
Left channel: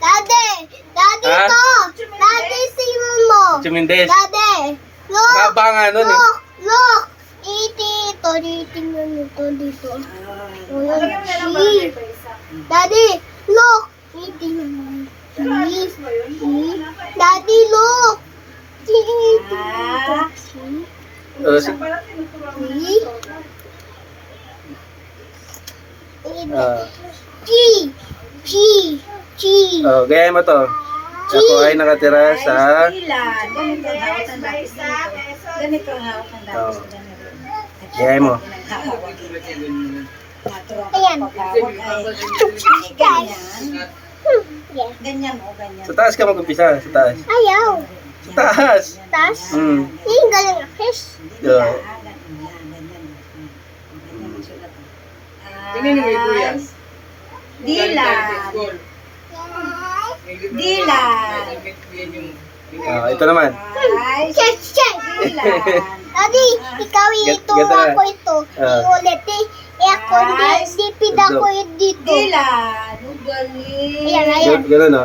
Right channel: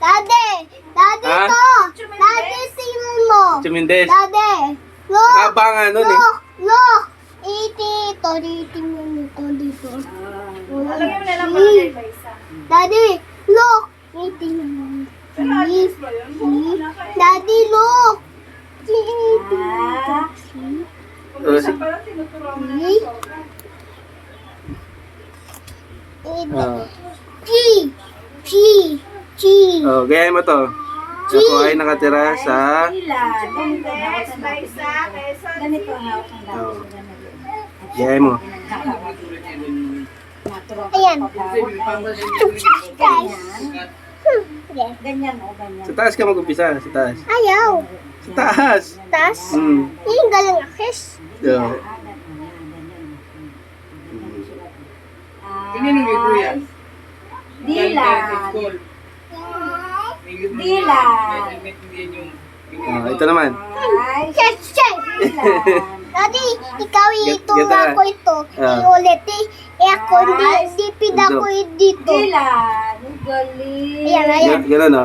Daddy. Daddy Ah? to. Daddy, tingnan mo. Chumindes. Daddy. Look. Haba nga nun eh. Look. Ito. Tingnan mo to dito. Lagyan mo na lang para kay Baisa. Daddy, look. Tingnan mo. Daddy, look. O, Para tinuturuan mo See? ng sobra. Gaya mo to. Ako ay nakatira sa... Mendes, Baisa, Quezon Ganito City. nga ako ang Oh. dami. Gaya mo. Ayan. Ganyan o, ganyan. Sa taas ka mag-umpisa. Sa taas. Ayaw. Sa taas. Tas, Hmm. yung galing akis. Yeah. Tingnan niyo may kuya. Dilan. Dilan. Ito naman. Ay, Check. Dilan. Daddy, ikaw ito, Ganda na. ako ito. Ah. Iulit eh. Ako, di pida ko dito. Dilan. Ang galing. Ayan. Ganun o.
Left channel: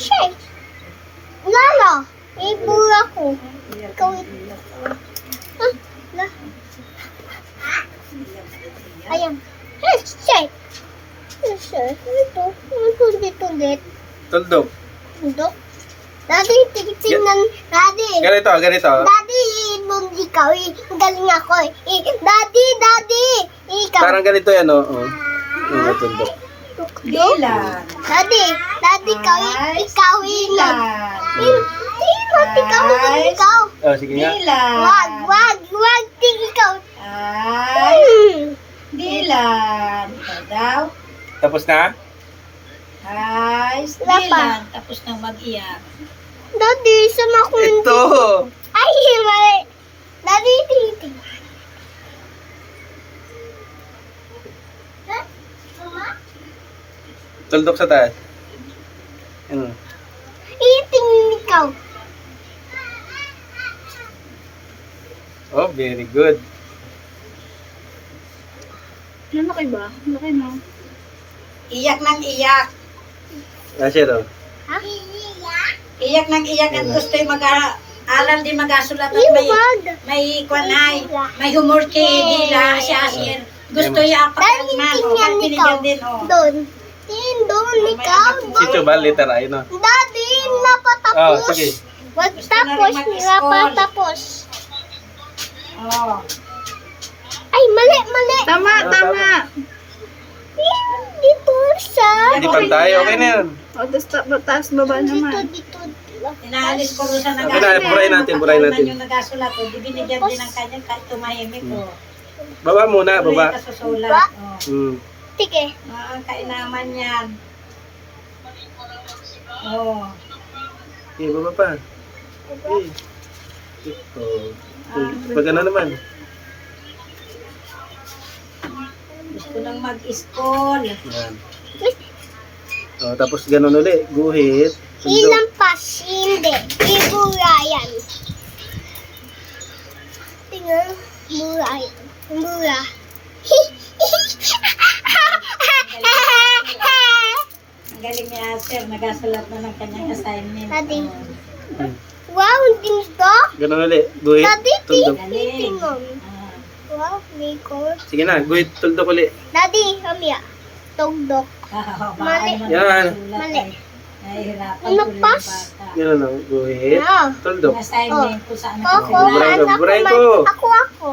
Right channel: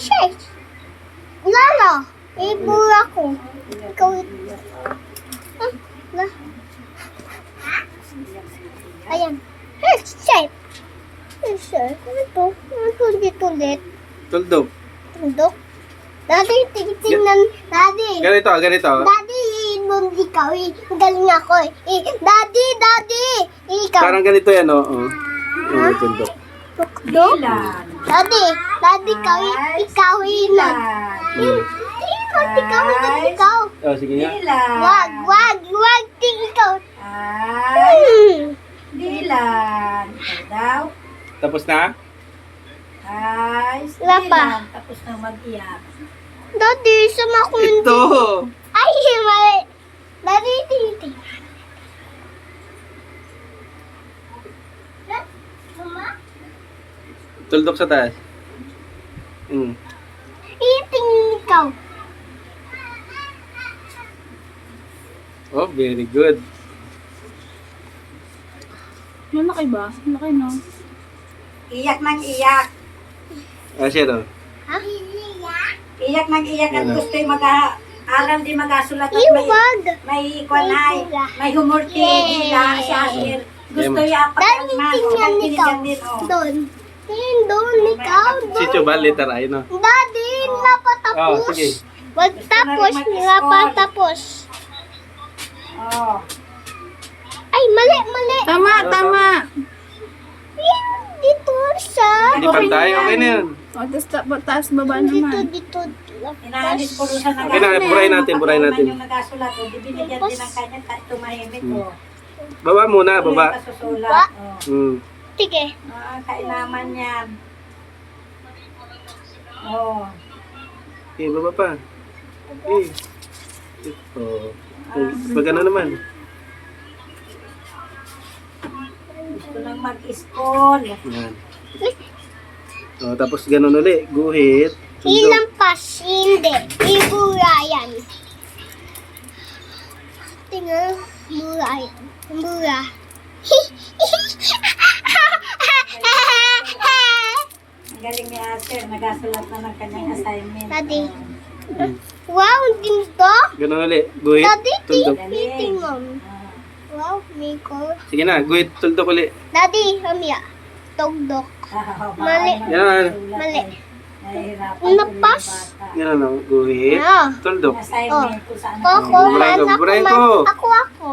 Check. Lala, ibul ako. Ikaw ito. La. Ayan. Check. Ito. Tulit. Tuldok. Dok. Daddy, tingnan. Daddy. Ganito. Daddy, nung ikaw, ang galing ako eh. Daddy, ikaw. Parang ganito yan o. May tuldok. Dilan. Daddy, ikaw, Dilan. ikaw. Sige nga. Dilan. Wag, ikaw. Ay, Dilan. Ito daw. Tapos na? Ay, Wala pa. Dilan. Tapos nang mag-iyak. Daddy, sama ko Ito. Ay, mali. Daddy, tingin. Mama? Tuldok sa taas. Tingin ikaw. Oh, very good. Malaki ba? Malaki no? Iyak ng iyak. Kasi ito. Ha? Iyak ng iyak at gusto yung mag-aaral din mag-asulat at may kwanay, may humor kay Dila, si Asir. Gusto yung Dali, apakalman. tingnan ikaw. Din, oh. Doon. Tingnan doon, ikaw. Si Chubal, letter I, no? Daddy, napatapos. Oh, sige. Magtapos, Gusto na rin napatapos. Oh. Ay, mali. Tama, tama. Dito sa... Hindi pantay, okay na yun. O, taas baba naman. Dito. Inaalis ko rin sa Okay na, buray natin, buray natin. Yung nagasulat, oh. Di binigyan din ng kanya kahit tumahimik, oh. Baba muna, Tuloy baba. ka susulat, oh. Hmm. Sige. Ang kainaman yan. Oh. Okay, baba pa. Okay. Ito. Pag ano naman. Gusto nang mag-school. Yan. Oh, tapos ganun uli. Guhit. Tuldok. Hinampas, hindi. Iburayan. Tingnan, burayan. Bura. Ang galing ni Asher, nagasulat na ng kanyang assignment. Daddy. Hmm. Wow, dito. Ganun uli. Guhit. Daddy, Tuldok. tingnan. Wow, Nicole. Sige na, guhit. Tuldok uli. Daddy, mamaya. Tugdok. Mali. Yan. Mali. Nahihirapan Napas. Ganun lang. Guhit. Yeah. Tuldok. Ang assignment kung saan Ako, Buray ko, man, buray ako, ko. man. Ako.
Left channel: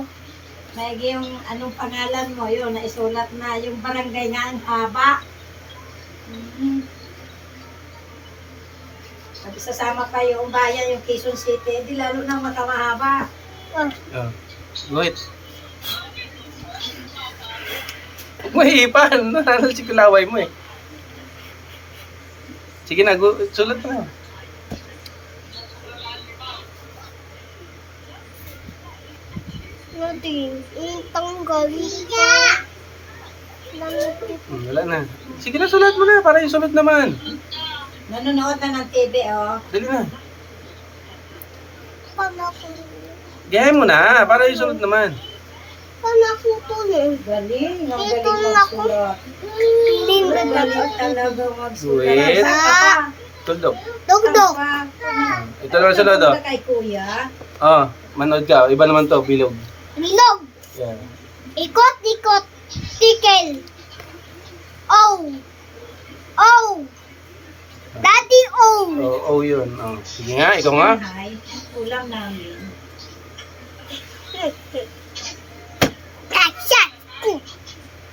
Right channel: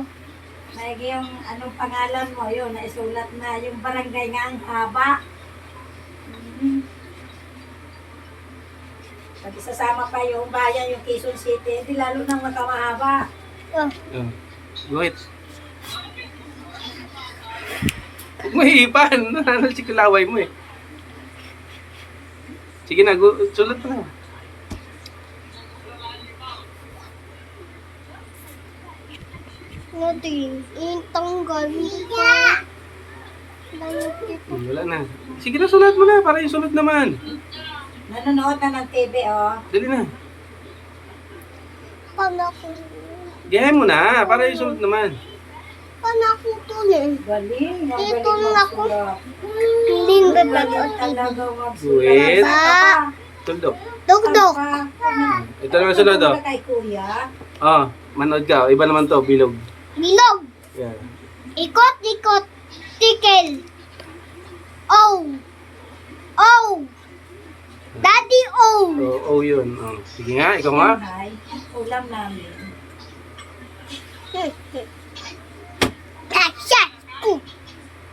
May yung anong pangalan mo, yun, naisulat na yung barangay nga ang haba. Pag isasama pa yung bayan, yung Quezon City, di lalo nang makamahaba. Oh. Oh. Guhit. Huwag mo hihipan. Ano si kulaway mo eh. Sige na, sulat mo na. Natin, itanggal ko. Langit. Wala na. Sige na, sulat mo na. Para yung sulat naman. Nanonood na ng TV, oh. Dali na. Paano ako? Gayahin mo na. Para yung sulat naman. Paano ako tuloy? Galing, ang Dito galing na ako. magsulat. Hindi Ang na galing talaga magsulat. Wait. Saan ka pa? Tuldok. Dugdog. Saan ka? Ito naman sunod oh. Kay kuya. Oh, manood ka. Iba naman to, bilog. Bilog. Yan. Ikot. Tikel. Oh. Daddy, oh. Oh, yun. Oh. Sige nga, ikaw nga. Hi, ulam namin.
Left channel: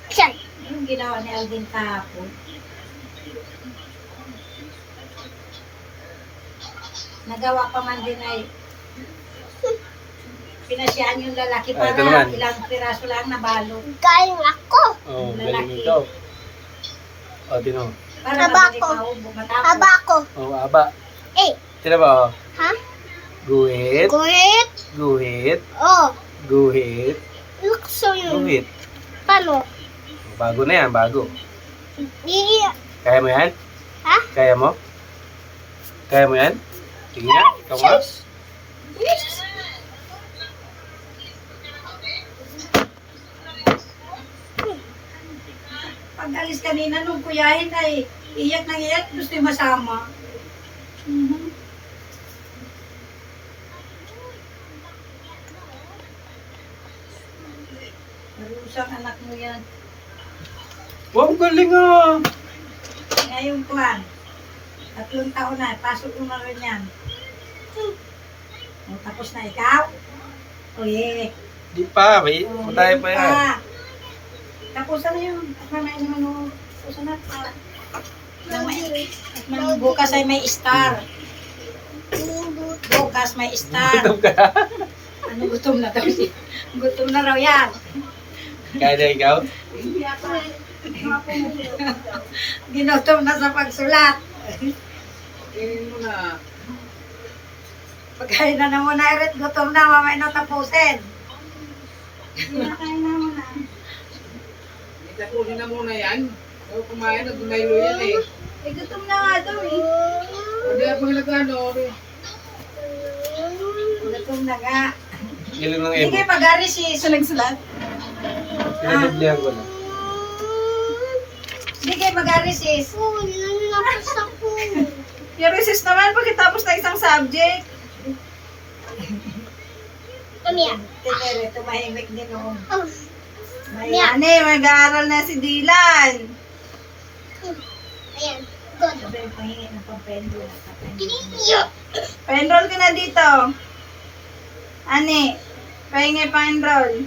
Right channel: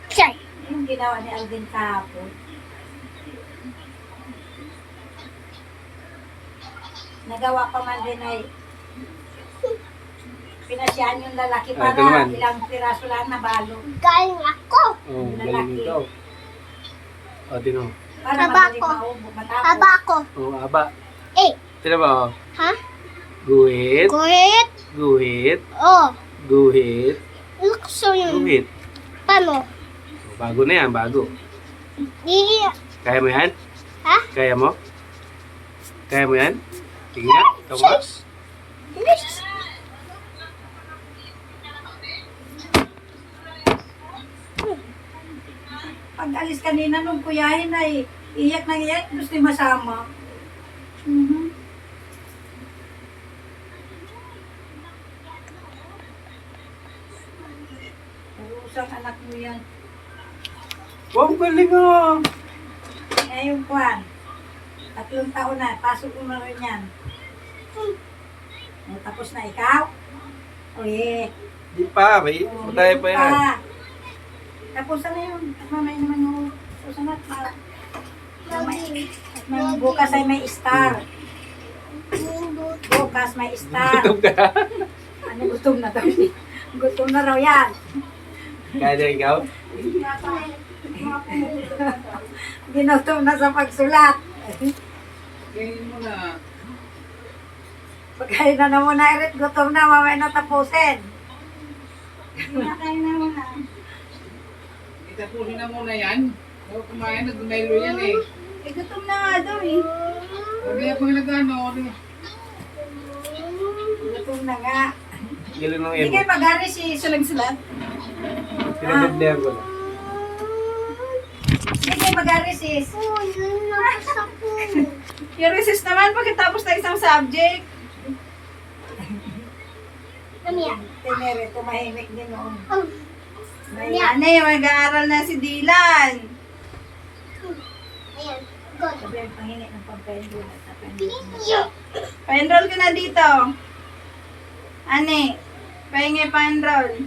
Shot. Yung ginawa ni Alvin kahapon. Nagawa pa man din ay pinasyahan yung lalaki Ah, para ito naman. ilang piraso lang na balot. Galing ako. Oh, galing ikaw. Oh, tino. Para Haba madali ko. matapos. Haba ko. Oh, aba. Eh. Tino ba oh? Ha? Guhit. Guhit. Guhit. Oh. Guhit. Lukso yun. Guhit. Paano? Oh, bago na yan, bago. Kaya mo yan? Ha? Kaya mo? Kaya mo yan? Sige nga, ikaw nga. Pag alis kanina nung kuyahin ay iyak na iyak, gusto yung masama. Marusang anak mo yan. Wow, galing ah. Ngayon kuhan, 3 taon na, pasok mo na rin yan. Tapos na ikaw? Uy, Di pa, may patay pa yan. Tapos na yung, mamay naman yung, tapos na, bukas ay may star. Bukas may star. Gutom ka. Ano gutom na daw siya? Gutom na raw yan. Kaya na ikaw? Ginutom na sa pagsulat. Tingin mo na. Pagkain na na muna, Eret, gutom na, mamaya na tapusin. Kinakain na muna. Itapusin na muna yan. Huwag kumain na, dumaylo yan eh. Eh, gutom na nga daw eh. Hindi ako nag-ano. Gutom na nga. Galing ng Hindi emo. kayo pag-ari si Siya nagsulat. Pinabiblihan ko na. Sige, mag-resist. Oh, nalapos ako. Yung recess naman pagkatapos na isang subject. Come here. Tinere, tumahimik din noon. Oh, Ane, mag-aaral na si Dylan. ayan. Good. Sabi, pahingi ng pampendo. Pinigyo. Pa-enroll ka na dito. Ane, pahingi pa-enroll.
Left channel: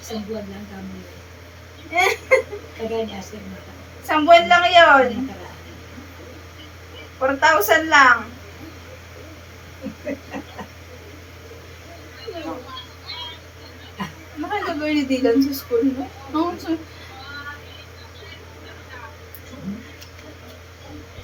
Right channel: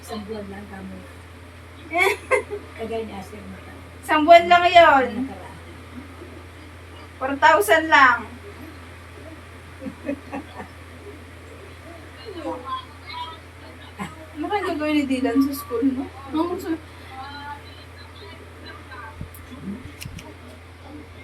Isang buwan lang kami. Kagaya ni Asir Mata. Isang buwan lang yon. Nakaraan. 4,000 lang. Ano kaya gagawin ni Dylan sa school, no?